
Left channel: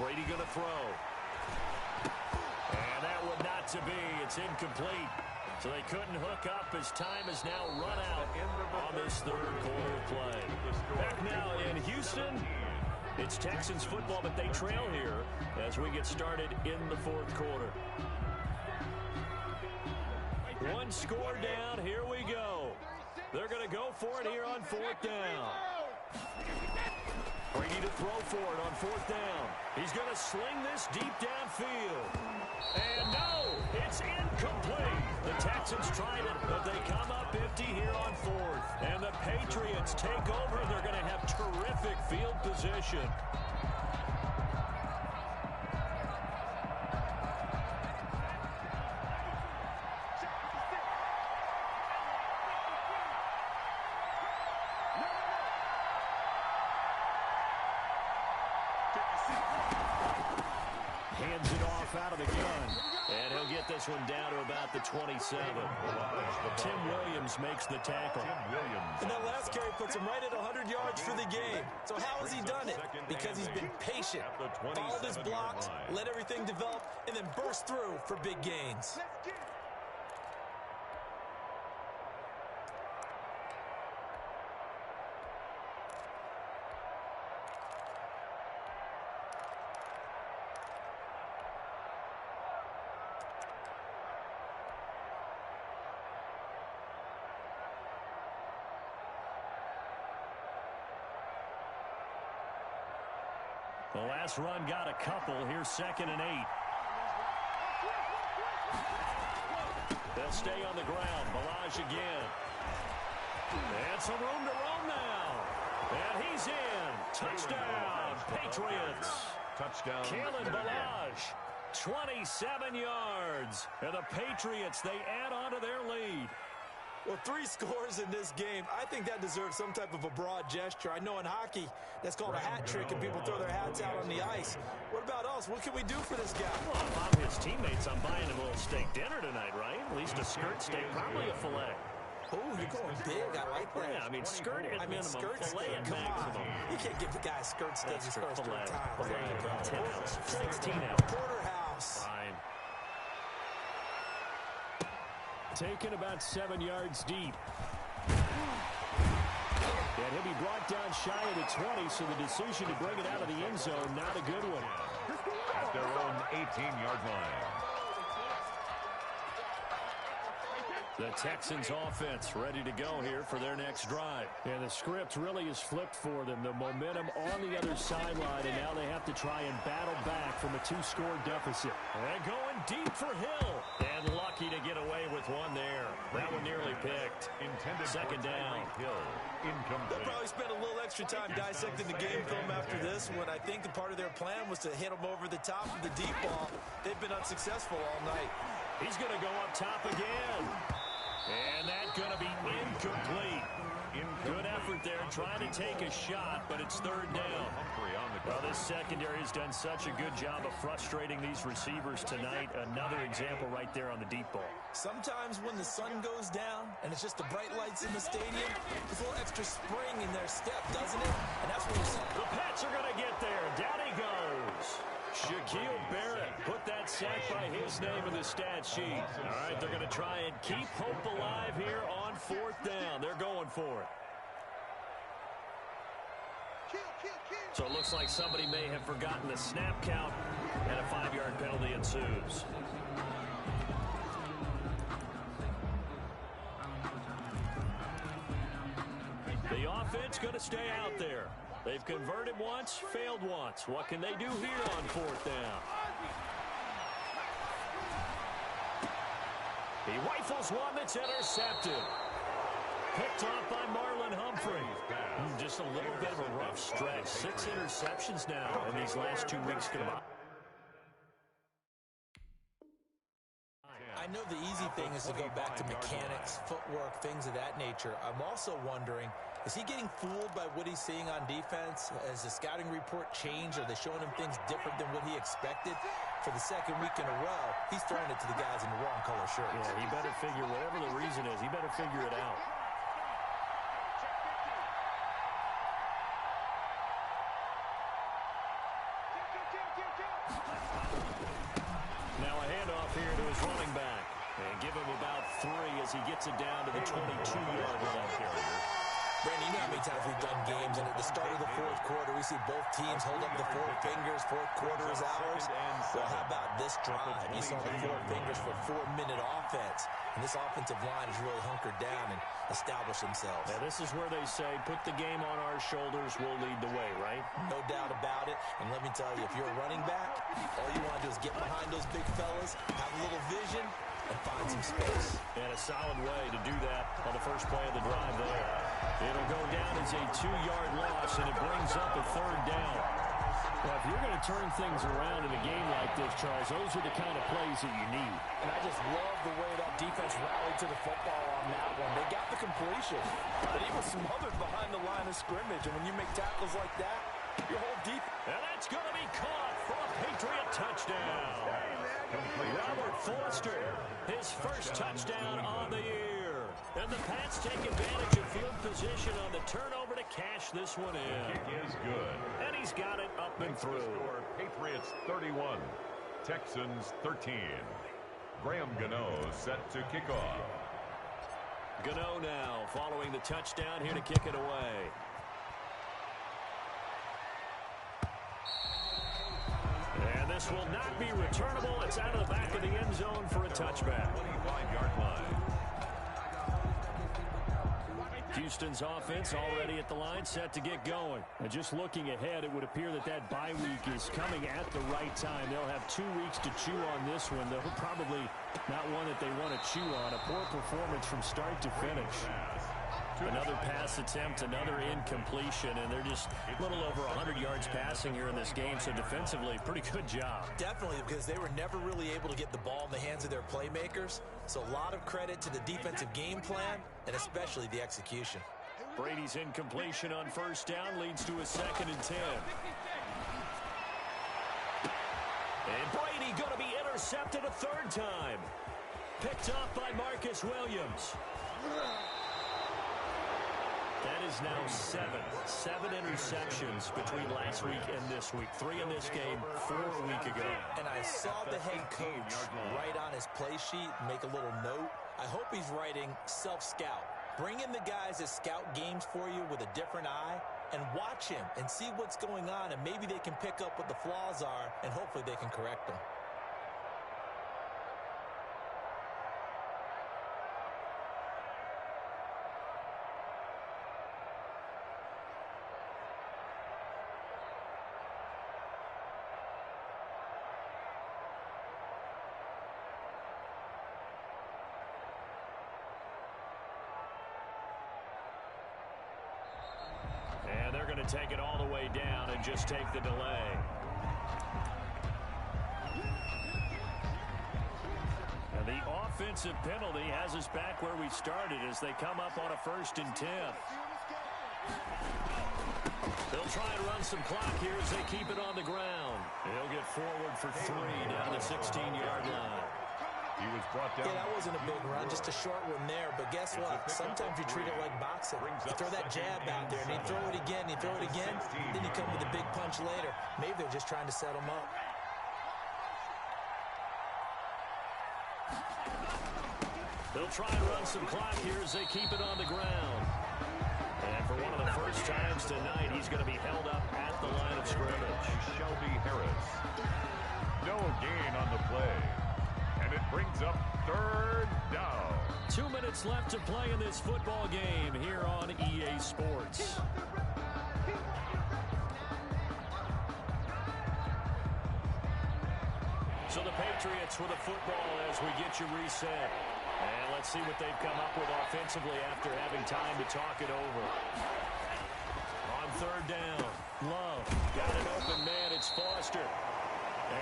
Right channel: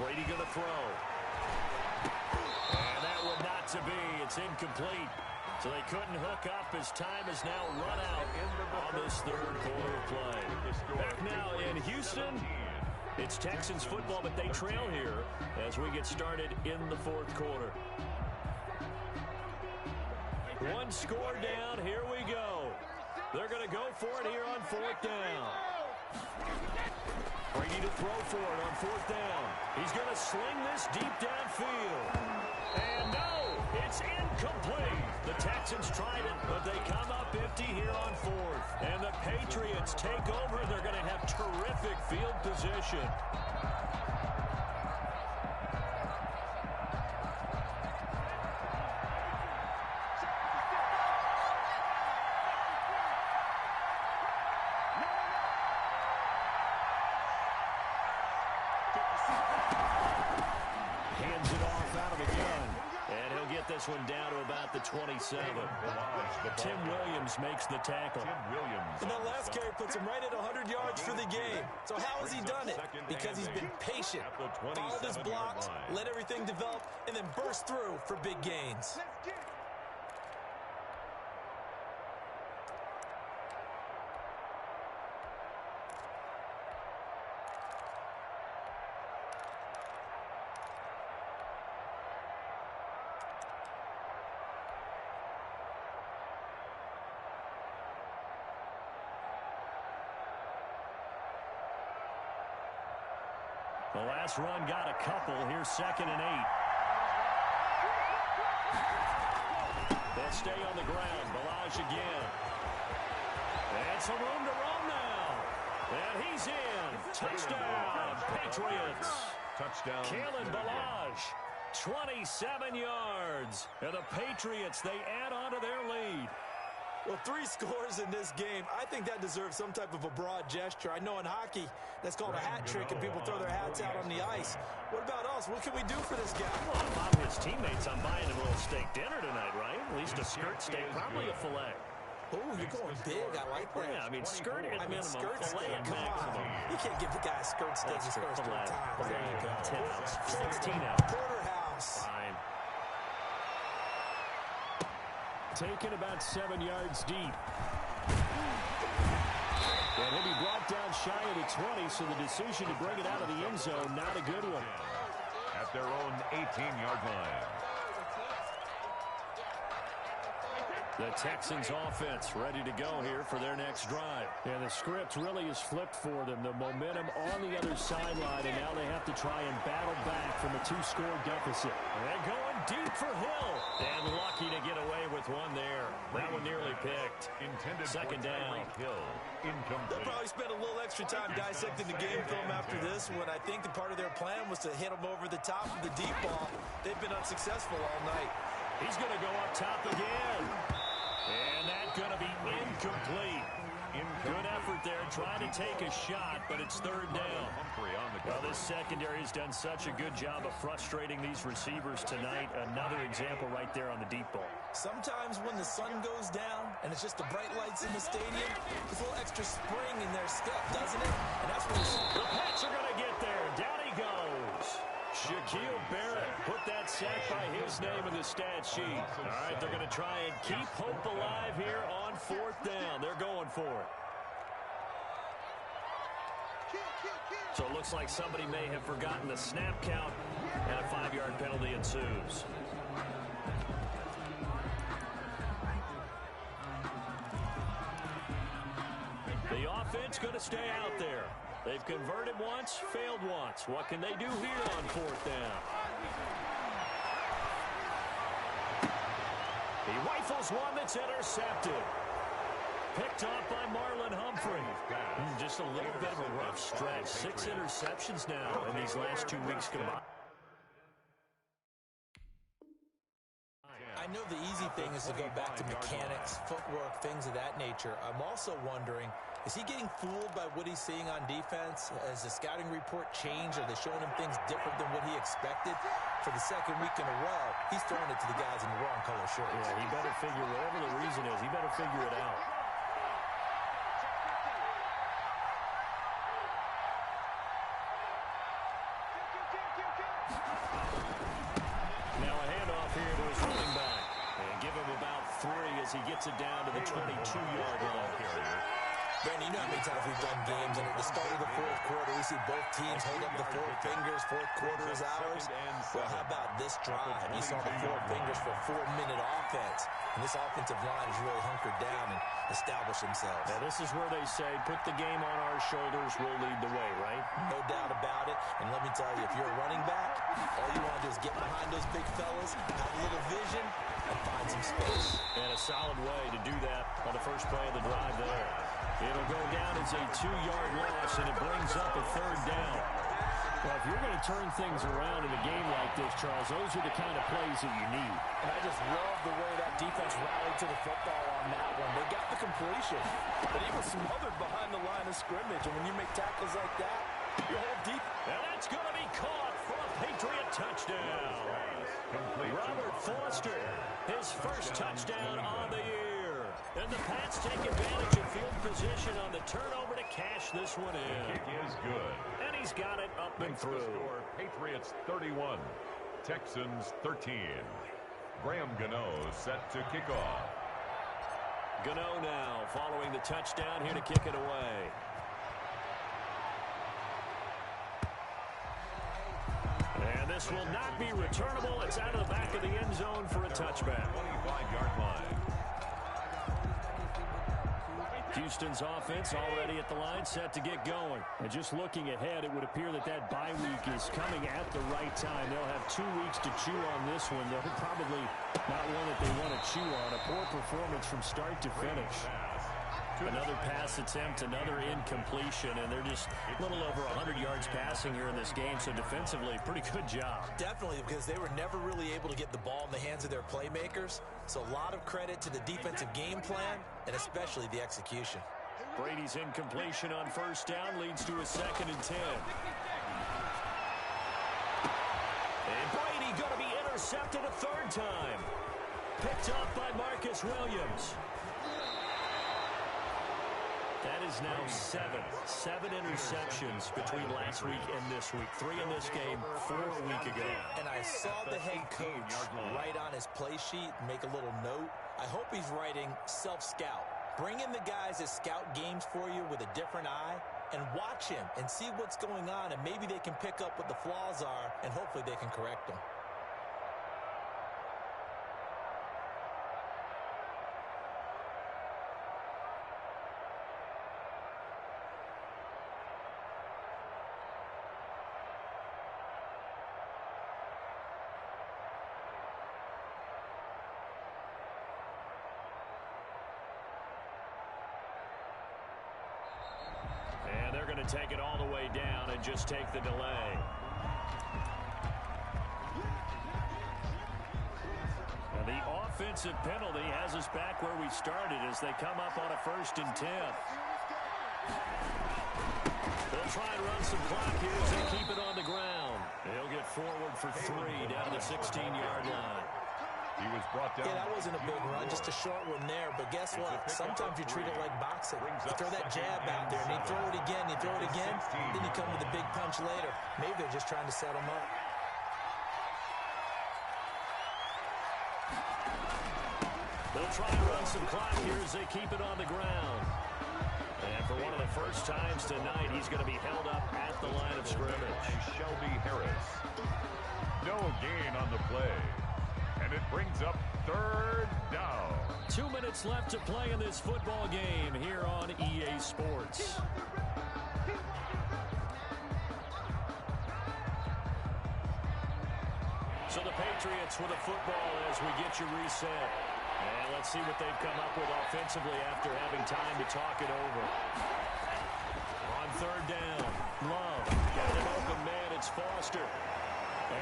Brady going to throw. And that would not to be. It's incomplete. So they couldn't hook up as time has now run out on this 3rd quarter of play. Back now in Houston, it's Texans football, but they trail here as we get started in the 4th quarter. 1 score down. Here we go. They're going to go for it here on 4th down. Brady to throw for it on 4th down. He's going to sling this deep downfield. And no, it's incomplete. The Texans tried it, but they come up empty here on 4th. And the Patriots take over. They're going to have terrific field position. Hands it off out of the gun. And he'll get this one down to about the 27. Tim Williams makes the tackle. And that last carry puts him right at 100 yards for the game. So how has he done it? Because he's been patient, followed his blocks, let everything develop, and then burst through for big gains. The last run got a couple. Here's 2nd and 8. They'll stay on the ground. Balaj again. And some room to roam now. And he's in. Touchdown, Patriots. Touchdown. Kalen Balaj, 27 yards. And the Patriots, they add on to their lead. Well, 3 scores in this game. I think that deserves some type of a broad gesture. I know in hockey, that's called a hat trick, and people throw their hats out on the ice. What about us? What can we do for this guy? Well, if I'm his teammates, I'm buying him a little steak dinner tonight, right? At least a skirt steak, probably a filet. Oh, you're going big. I like that. Yeah, I mean, skirt at minimum, skirt filet at steak. Come maximum. on. You can't give the guy a skirt steak his first 3 times. There you go. 10 ounce, 16 ounce. Porterhouse. Fine. Taken about 7 yards deep. And he'll be brought down shy of the 20, so the decision to bring it out of the end zone, not a good one. At their own 18-yard line. The Texans offense ready to go here for their next drive. And the script really is flipped for them. The momentum on the other sideline, and now they have to try and battle back from a 2-score deficit. And going deep for Hill. And lucky to get away with one there. That one nearly picked. Intended 2nd down. Hill. Incomplete. They'll probably spend a little extra time dissecting the game film after this one. I think the part of their plan was to hit them over the top of the deep ball. They've been unsuccessful all night. He's going to go up top again. And that's going to be incomplete. Good effort there, trying to take a shot, but it's 3rd down. Well, this secondary has done such a good job of frustrating these receivers tonight. Another example right there on the deep ball. Sometimes when the sun goes down and it's just the bright lights in the stadium, there's a little extra spring in their step, doesn't it? And that's when the Pats are going to get there. Down he goes. Shaquille Barrett put that sack by his name in the stat sheet. All right, they're going to try and keep hope alive here on 4th down. They're going for it. So it looks like somebody may have forgotten the snap count, and a 5-yard penalty ensues. The offense going to stay out there. They've converted once, failed once. What can they do here on 4th down? He rifles one that's intercepted. Picked off by Marlon Humphrey. Just a little bit of a rough stretch. 6 interceptions now in these last 2 weeks combined. I know the easy thing is to go back to mechanics, footwork, things of that nature. I'm also wondering, is he getting fooled by what he's seeing on defense? Has the scouting report changed? Are they showing him things different than what he expected? For the 2nd week in a row, he's throwing it to the guys in the wrong color shirts. Yeah, he better figure, whatever the reason is, he better figure it out. Now a handoff here to his running back. And give him about 3 as he gets it down to the 22-yard line. Brandon, you know how many times we've done games, and at the start of the fourth quarter, we see both teams hold up the four fingers, fourth quarter is ours. Well, how about this drive? You saw the four fingers for 4-minute offense, and this offensive line has really hunkered down and established themselves. Now, this is where they say, put the game on our shoulders, we'll lead the way, right? No doubt about it, and let me tell you, if you're a running back, all you want to do is get behind those big fellas, have a little vision, and find some space. And a solid way to do that on the first play of the drive there. It'll go down as a 2-yard loss, and it brings up a 3rd down. Well, if you're going to turn things around in a game like this, Charles, those are the kind of plays that you need. And I just love the way that defense rallied to the football on that one. They got the completion, but he was smothered behind the line of scrimmage. And when you make tackles like that, your whole deep. And that's going to be caught for a Patriot touchdown. Robert Foster, his first touchdown on the year. And the Pats take advantage of field position on the turnover to cash this one in. The kick is good. And he's got it up and through. Score, Patriots 31, Texans 13. Graham Gano set to kick off. Gano now following the touchdown here to kick it away. And this will not be returnable. It's out of the back of the end zone for a touchback. 25-yard line. Houston's offense already at the line, set to get going. And just looking ahead, it would appear that that bye week is coming at the right time. They'll have 2 weeks to chew on this one, though probably not one that they want to chew on. A poor performance from start to finish. Another pass attempt, another incompletion, and they're just a little over 100 yards passing here in this game, so defensively, pretty good job. Definitely, because they were never really able to get the ball in the hands of their playmakers, so a lot of credit to the defensive game plan, and especially the execution. Brady's incompletion on first down leads to a 2nd and 10. And Brady going to be intercepted a 3rd time. Picked up by Marcus Williams. That is now 7 interceptions between last week and this week. 3 in this game, 4 a week ago. And I saw the head coach write on his play sheet, make a little note. I hope he's writing self-scout. Bring in the guys that scout games for you with a different eye and watch him and see what's going on, and maybe they can pick up what the flaws are, and hopefully they can correct them. And they're going to take it all the way down and just take the delay. And the offensive penalty has us back where we started as they come up on a 1st and 10. They'll try and run some clock here as they keep it on the ground. He'll get forward for 3 down to the 16-yard line. He was brought down. Yeah, that wasn't a big run, just a short one there. But guess what? Sometimes you treat it like boxing. You throw that jab out there, and you throw it again, you throw it again, then you come with a big punch later. Maybe they're just trying to set him up. They'll try and run some clock here as they keep it on the ground. And for one of the first times tonight, he's going to be held up at the line of scrimmage. Shelby Harris. No gain on the play. And it brings up 3rd down. 2 minutes left to play in this football game here on EA Sports. So the Patriots with a football as we get you reset. And let's see what they've come up with offensively after having time to talk it over. On 3rd down, Love got an open man. It's Foster.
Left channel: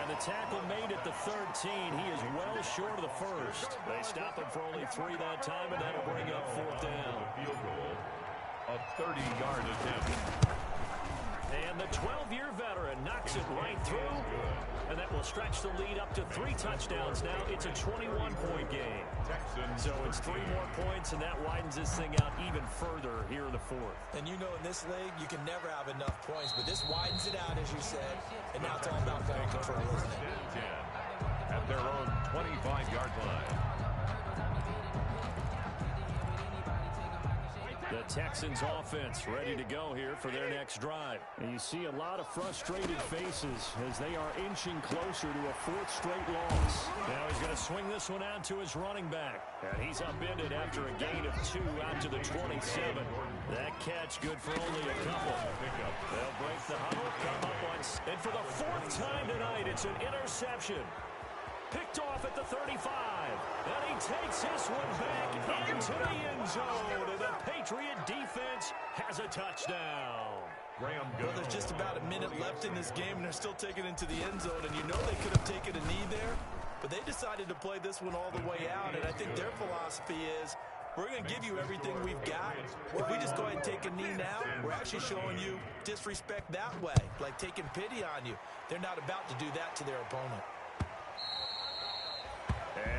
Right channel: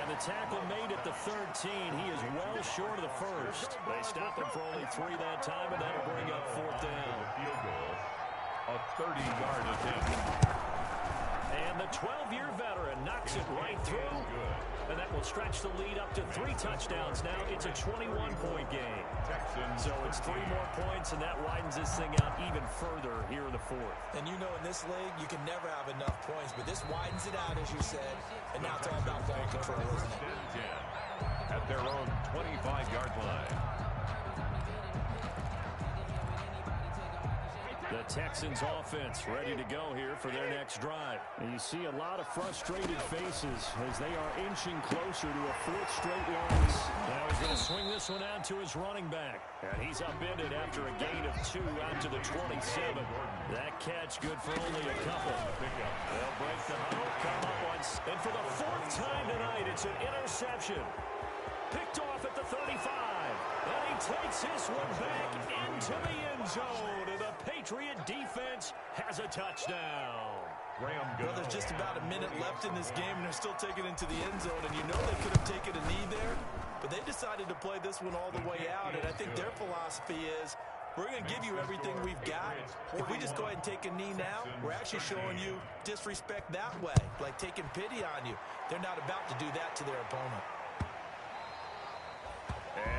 And the tackle made at the 13. He is well short of the first. They stop him for only 3 that time, and that'll bring up 4th down. Field goal, a 30-yard attempt. And the 12-year veteran knocks it right through. And that will stretch the lead up to 3 touchdowns now. It's a 21-point game. Texans so it's 3 more points, and that widens this thing out even further here in the 4th. And you know in this league, you can never have enough points, but this widens it out, as you said. And now it's all about ball control, isn't it? 10 at their own 25-yard line. The Texans offense ready to go here for their next drive. And you see a lot of frustrated faces as they are inching closer to a fourth straight loss. Now he's going to swing this one out to his running back. And he's upended after a gain of 2 out to the 27. That catch good for only a couple. They'll break the huddle, come up once. And for the 4th time tonight, it's an interception. Picked off at the 35. And he takes this one back into the end zone. And the Patriot defense has a touchdown. Well, there's just about a minute left in this game, and they're still taking it into the end zone. And you know they could have taken a knee there, but they decided to play this one all the way out. And I think their philosophy is, we're going to give you everything we've got. If we just go ahead and take a knee now, we're actually showing you disrespect that way, like taking pity on you. They're not about to do that to their opponent.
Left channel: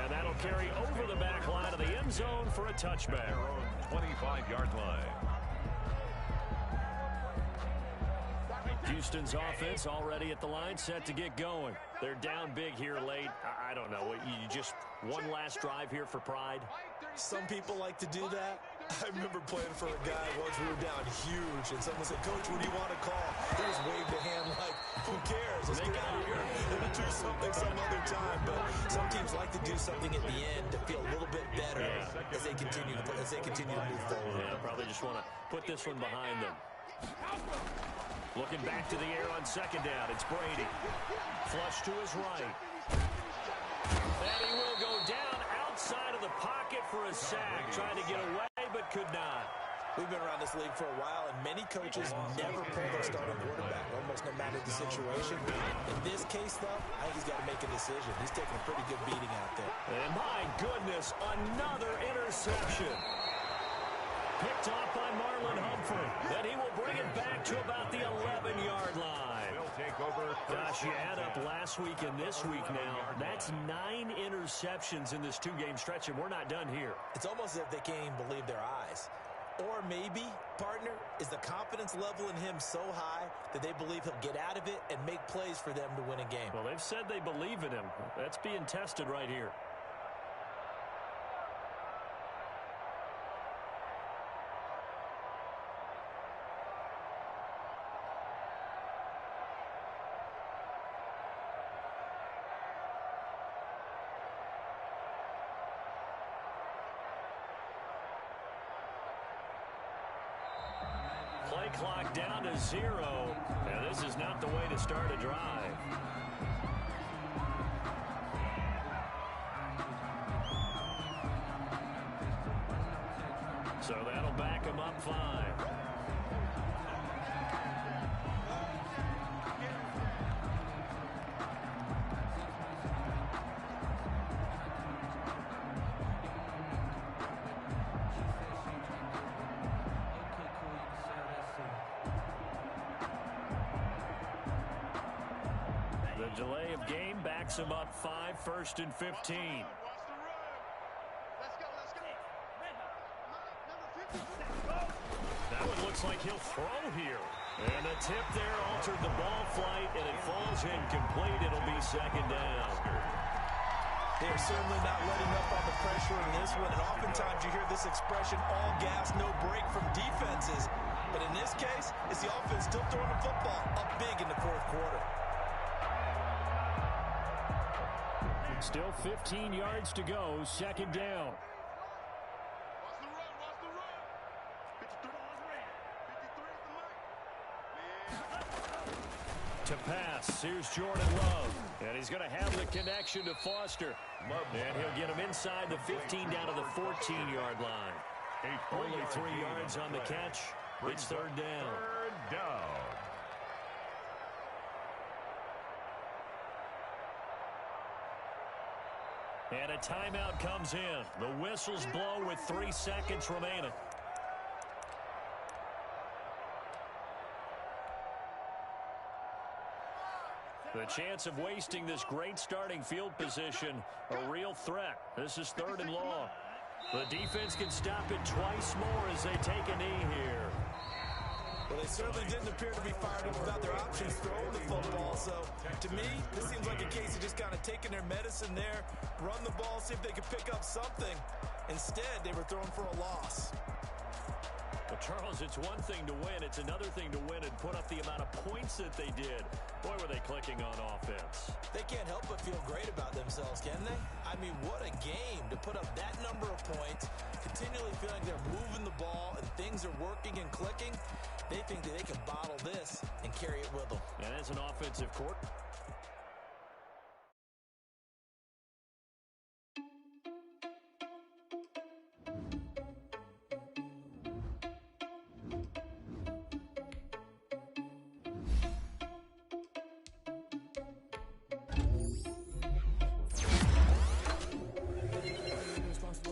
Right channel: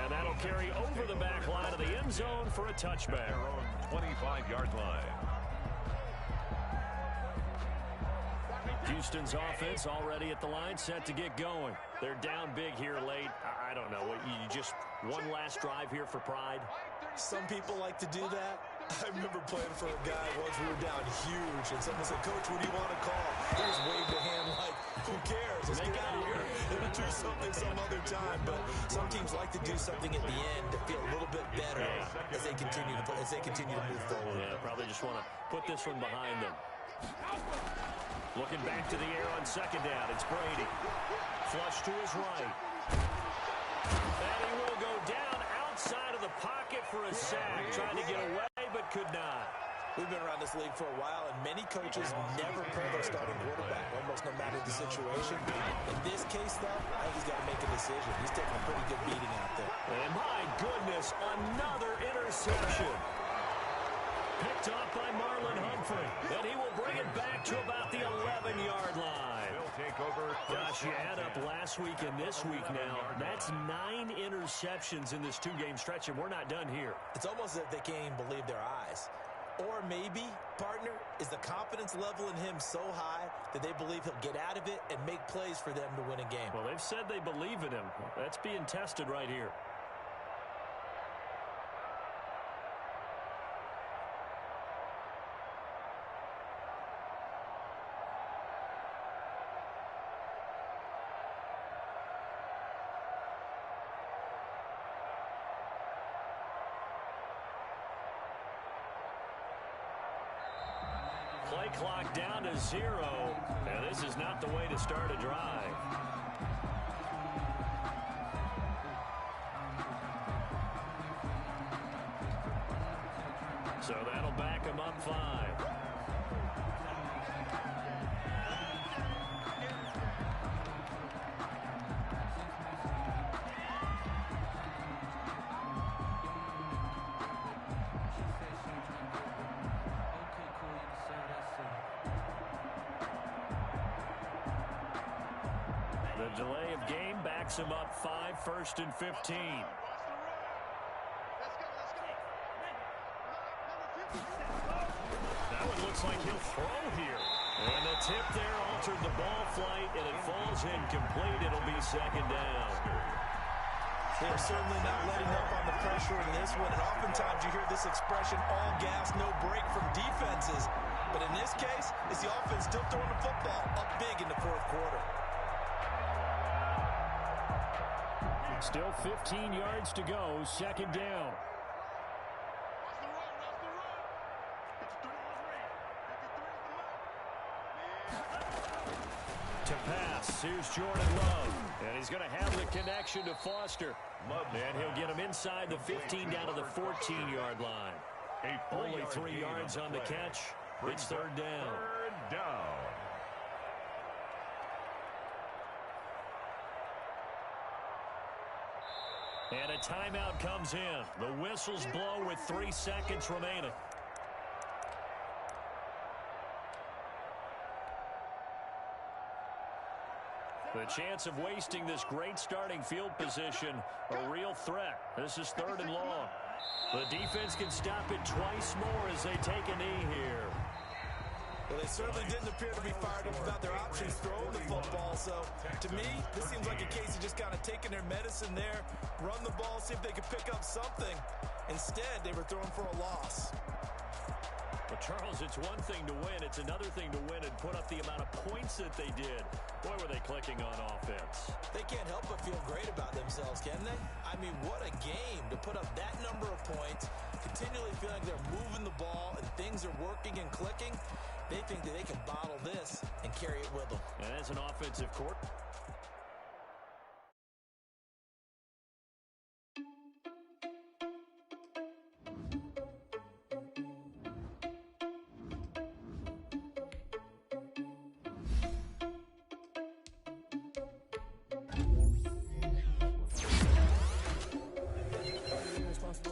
And that'll carry over the back line of the end zone for a touchback. 25-yard line. Houston's offense already at the line, set to get going. They're down big here late. I don't know. You just one last drive here for pride? Some people like to do that. I remember playing for a guy once we were down huge, and someone said, "Coach, what do you want to call?" He just waved a hand like, "Who cares? Let's get out of here. We'll do something some other time." But some teams like to do something at the end to feel a little bit better as they continue to move forward. Yeah, probably just want to put this one behind them. Looking back to the air on second down. It's Brady. Flush to his right. And he will go down outside of the pocket for a sack. Trying to get away, but could not. We've been around this league for a while, and many coaches never pull their starting quarterback, almost no matter the situation. In this case, though, I think he's got to make a decision. He's taking a pretty good beating out there. And my goodness, another interception. Picked off by Marlon Humphrey. And he will bring it back to about the 11-yard line. Gosh, you add up last week and this week now. That's 9 interceptions in this 2-game stretch, and we're not done here. It's almost as if they can't even believe their eyes. Or maybe, partner, is the confidence level in him so high that they believe he'll get out of it and make plays for them to win a game. Well, they've said they believe in him. That's being tested right here. Play clock down to 0. And this is not the way to start a drive. So that'll back him up 5. The delay of game backs him up 5, 1st and 15. That one looks like he'll throw here. And the tip there altered the ball flight, and it falls incomplete. It'll be 2nd down. They're certainly not letting up on the pressure in this one, and oftentimes you hear this expression, all gas, no break from defenses. But in this case, it's the offense still throwing the football up big in the 4th quarter. Still 15 yards to go, 2nd down. To pass, here's Jordan Love. And he's going to have the connection to Foster. And he'll get him inside the 15 down to the 14-yard line. Only 3 yards on the catch. It's 3rd down. 3rd down. And a timeout comes in. The whistles blow with 3 seconds remaining. The chance of wasting this great starting field position, a real threat. This is 3rd and long. The defense can stop it twice more as they take a knee here. Well, they certainly didn't appear to be fired up about their options throwing the football. So, to me, this seems like a case of just kind of taking their medicine there, run the ball, see if they could pick up something. Instead, they were throwing for a loss. Well, Charles, it's one thing to win. It's another thing to win and put up the amount of points that they did. Boy, were they clicking on offense. They can't help but feel great about themselves, can they? I mean, what a game to put up that number of points, continually feeling they're moving the ball and things are working and clicking. They think that they can bottle this and carry it with them. And as an offensive court.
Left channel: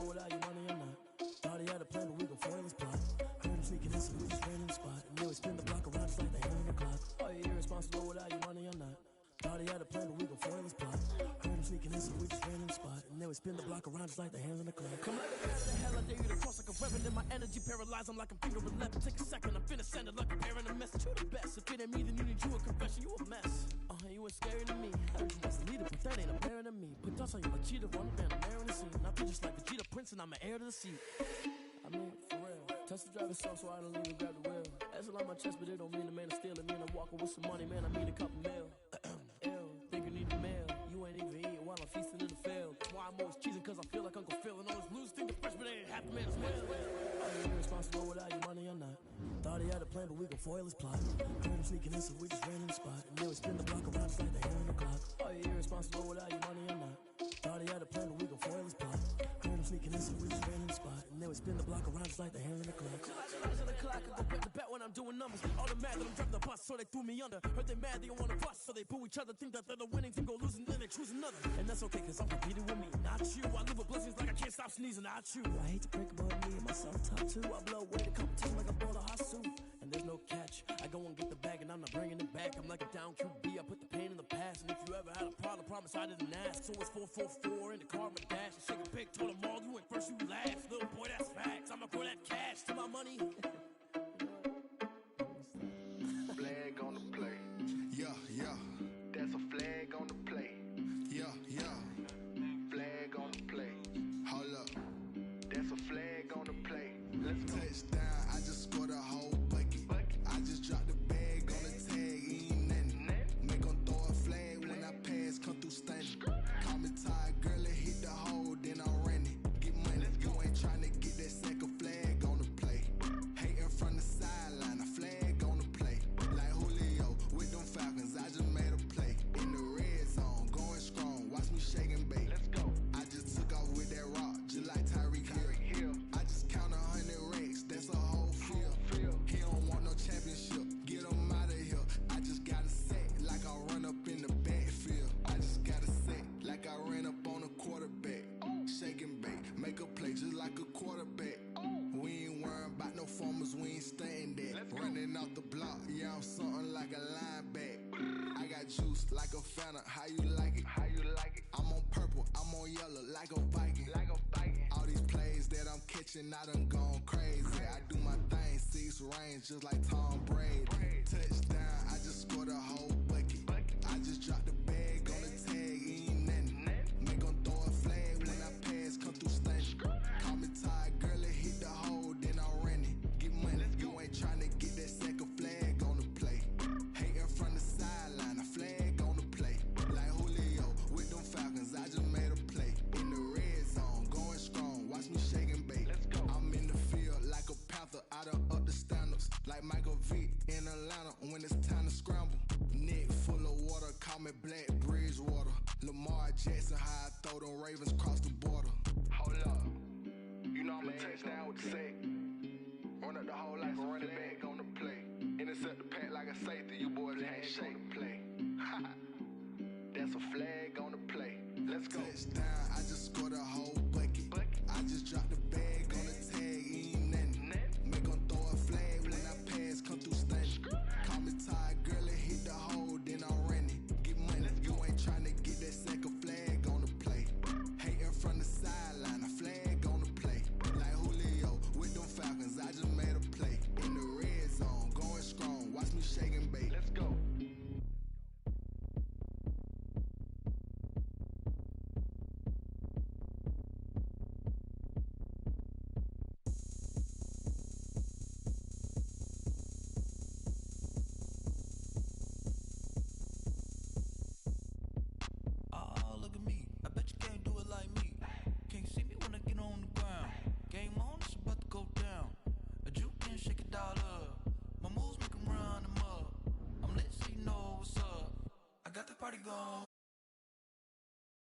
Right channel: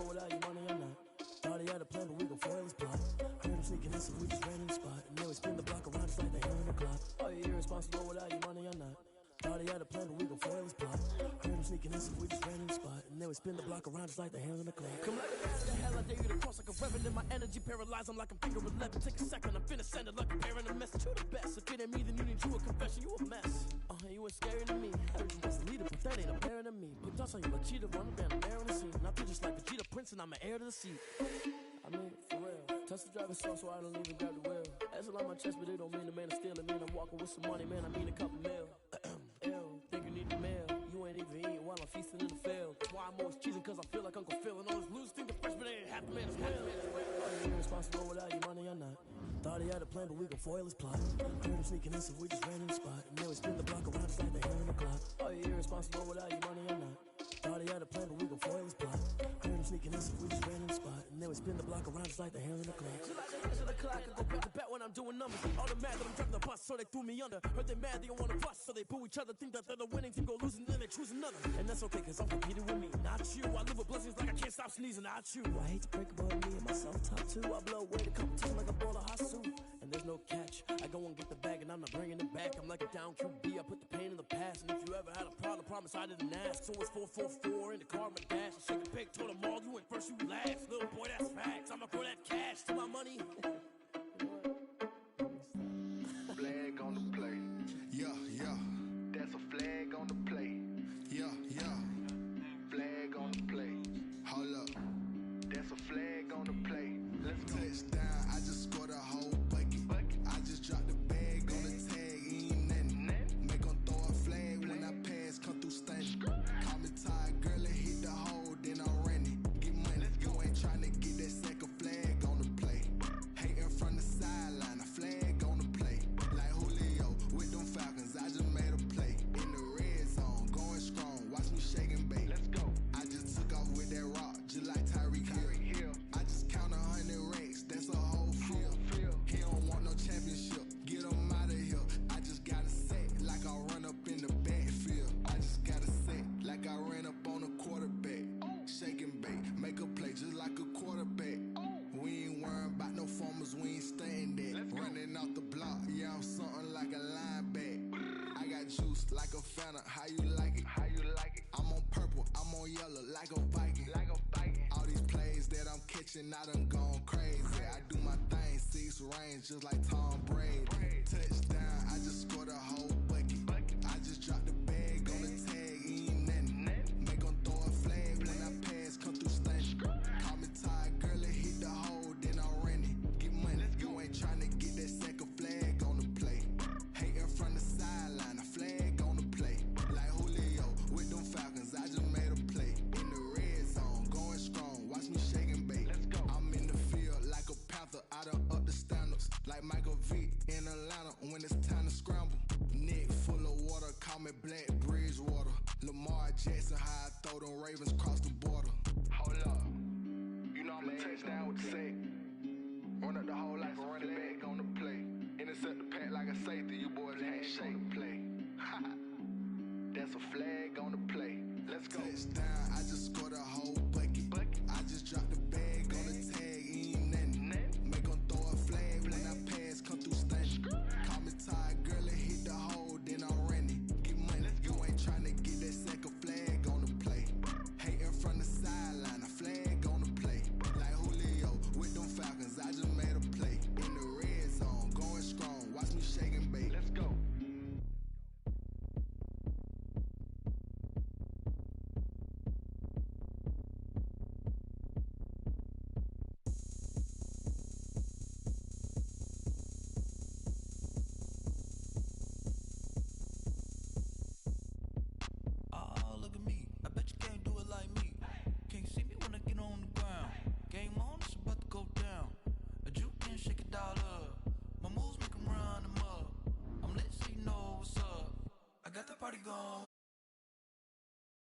Without your money or not. Thought he had a plan, but we gon' foil his plot. Heard him sneaking in, so we just ran in the spot. And then we spin the block around just like the hand on the clock. Are you irresponsible without your money or not? Thought he had a plan, but we gon' foil his plot. Heard him sneaking in, so we just ran in the spot. And then we spin the block around just like the hands on the clock. Come like a bat of the hell, I dare you to cross like a reverend. In my energy paralyzed, I'm like I'm finger 11. Take a second, I'm finna send it like a parent a message. You the best, if it ain't me, then you need you a confession. You a mess, you ain't scary to me. Heard you was a leader, but that ain't apparent to me. Put dust on you like cheetah, run down the air in the scene. Now I just like Vegeta Prince, and I'm an heir to the seat. I mean, for real. Touch the driver's soft, so I don't even grab the wheel. That's on my chest, but it don't mean the man is stealing. Man, I'm walking with some money, man, I mean a couple mil. Ew, think you need a meal. You ain't even eating while I'm feasting in the field. That's why I'm always cheesing, cause I feel like Uncle Phil. And all this losers think the freshman ain't half the man as well. Are you irresponsible without your money or not? Thought he had a plan, but we gon' foil his plot. Heard him sneaking in, so we just ran in the spot. And then we spin the block around just like the hands on the clock. Are you irresponsible without your money or not? Thought he had a plan, but we gon' foil his plot. Heard him sneaking in, so we just ran in the spot. And then we spin the block around just like the hands on the clock. Just like the hands on the clock, I go back to back when I'm doing numbers. All the mad that I'm driving the bus, so they threw me under. Heard they mad, they don't wanna bust, so they boo each other. Think that they're the winning team, go losing, then they choose another. And that's okay, cause I'm competing with me, not you. I live with blessings like I can't stop sneezing, not you. I hate to break about me and myself top two. I blow away the competition like a bowl of hot soup. And there's no catch, I go and get the bag and I'm not bringing it back. I'm like a down QB, I put the pain in the past. And if you ever had a problem, promise I didn't ask. So it's 4-4-4 in the car, my dash. I shake a pig, told them all, you went first, you last. Little boy, that's facts, I'ma throw that cash to my money. You know what? Flag on the play. Yeah, yeah. That's a flag on the play. Yeah, yeah. Flag on the play. Hold up. That's a flag on the play. Let's go. Touchdown, I just scored a whole bucket. I just dropped the bag on the tag, ain't nothing. Make them throw a flag when I pass, come through stunning. Call me tired, girl, and hit the hole, then I'm running. Get money, you ain't trying to get that second flag on the play. Hating from the sideline, a flag on the play. Like Julio with them Falcons, I just made a play. In the red zone, going strong, watch me shake and bake. Let's go. I just took off with that rock, just like Tyreek Hill. I just count 100 racks, that's a whole field. He don't want no championship, get him out of here. I just got a set, like I run up in the backfield. I just got a set, like I ran up on a quarterback. Shake and bake, make a play just like a quarterback. We ain't worrying about no formers, we ain't staying there. Running off the block, yeah, I'm something like a lineback. I got juice like a Fanta, how you like it? How you like it? I'm on purple, I'm on yellow, like a Viking. Like a Viking. All these plays that I'm catching, I done gone crazy. I do my thing, 6 range, just like Tom Brady. Touchdown, I just scored a whole bucket. I just dropped the bag on the tag, ain't nothing. Make them throw a flag when I pass, come through stunning. Call me tired, girl, and hit the hole, then I'm running. Get money, you ain't trying to get that second flag on the play. Hating from the sideline, a flag on the play. Like Julio with them Falcons, I just made a play. In the red zone, going strong, watch me shake and bake. Let's go. I'm in the field like a panther, I done up the standards. Like Michael Vick in Atlanta when it's time to scramble. Neck full of water, call me Black Bridgewater. Lamar Jackson, how I throw them Ravens cross the border. Hold up. You know I'm a touchdown with the sack. Run up the whole life and run it back on the play. Intercept the pack like a safety, you boys ain't shake the play. That's a flag on the play. Let's go. Touchdown, I just scored a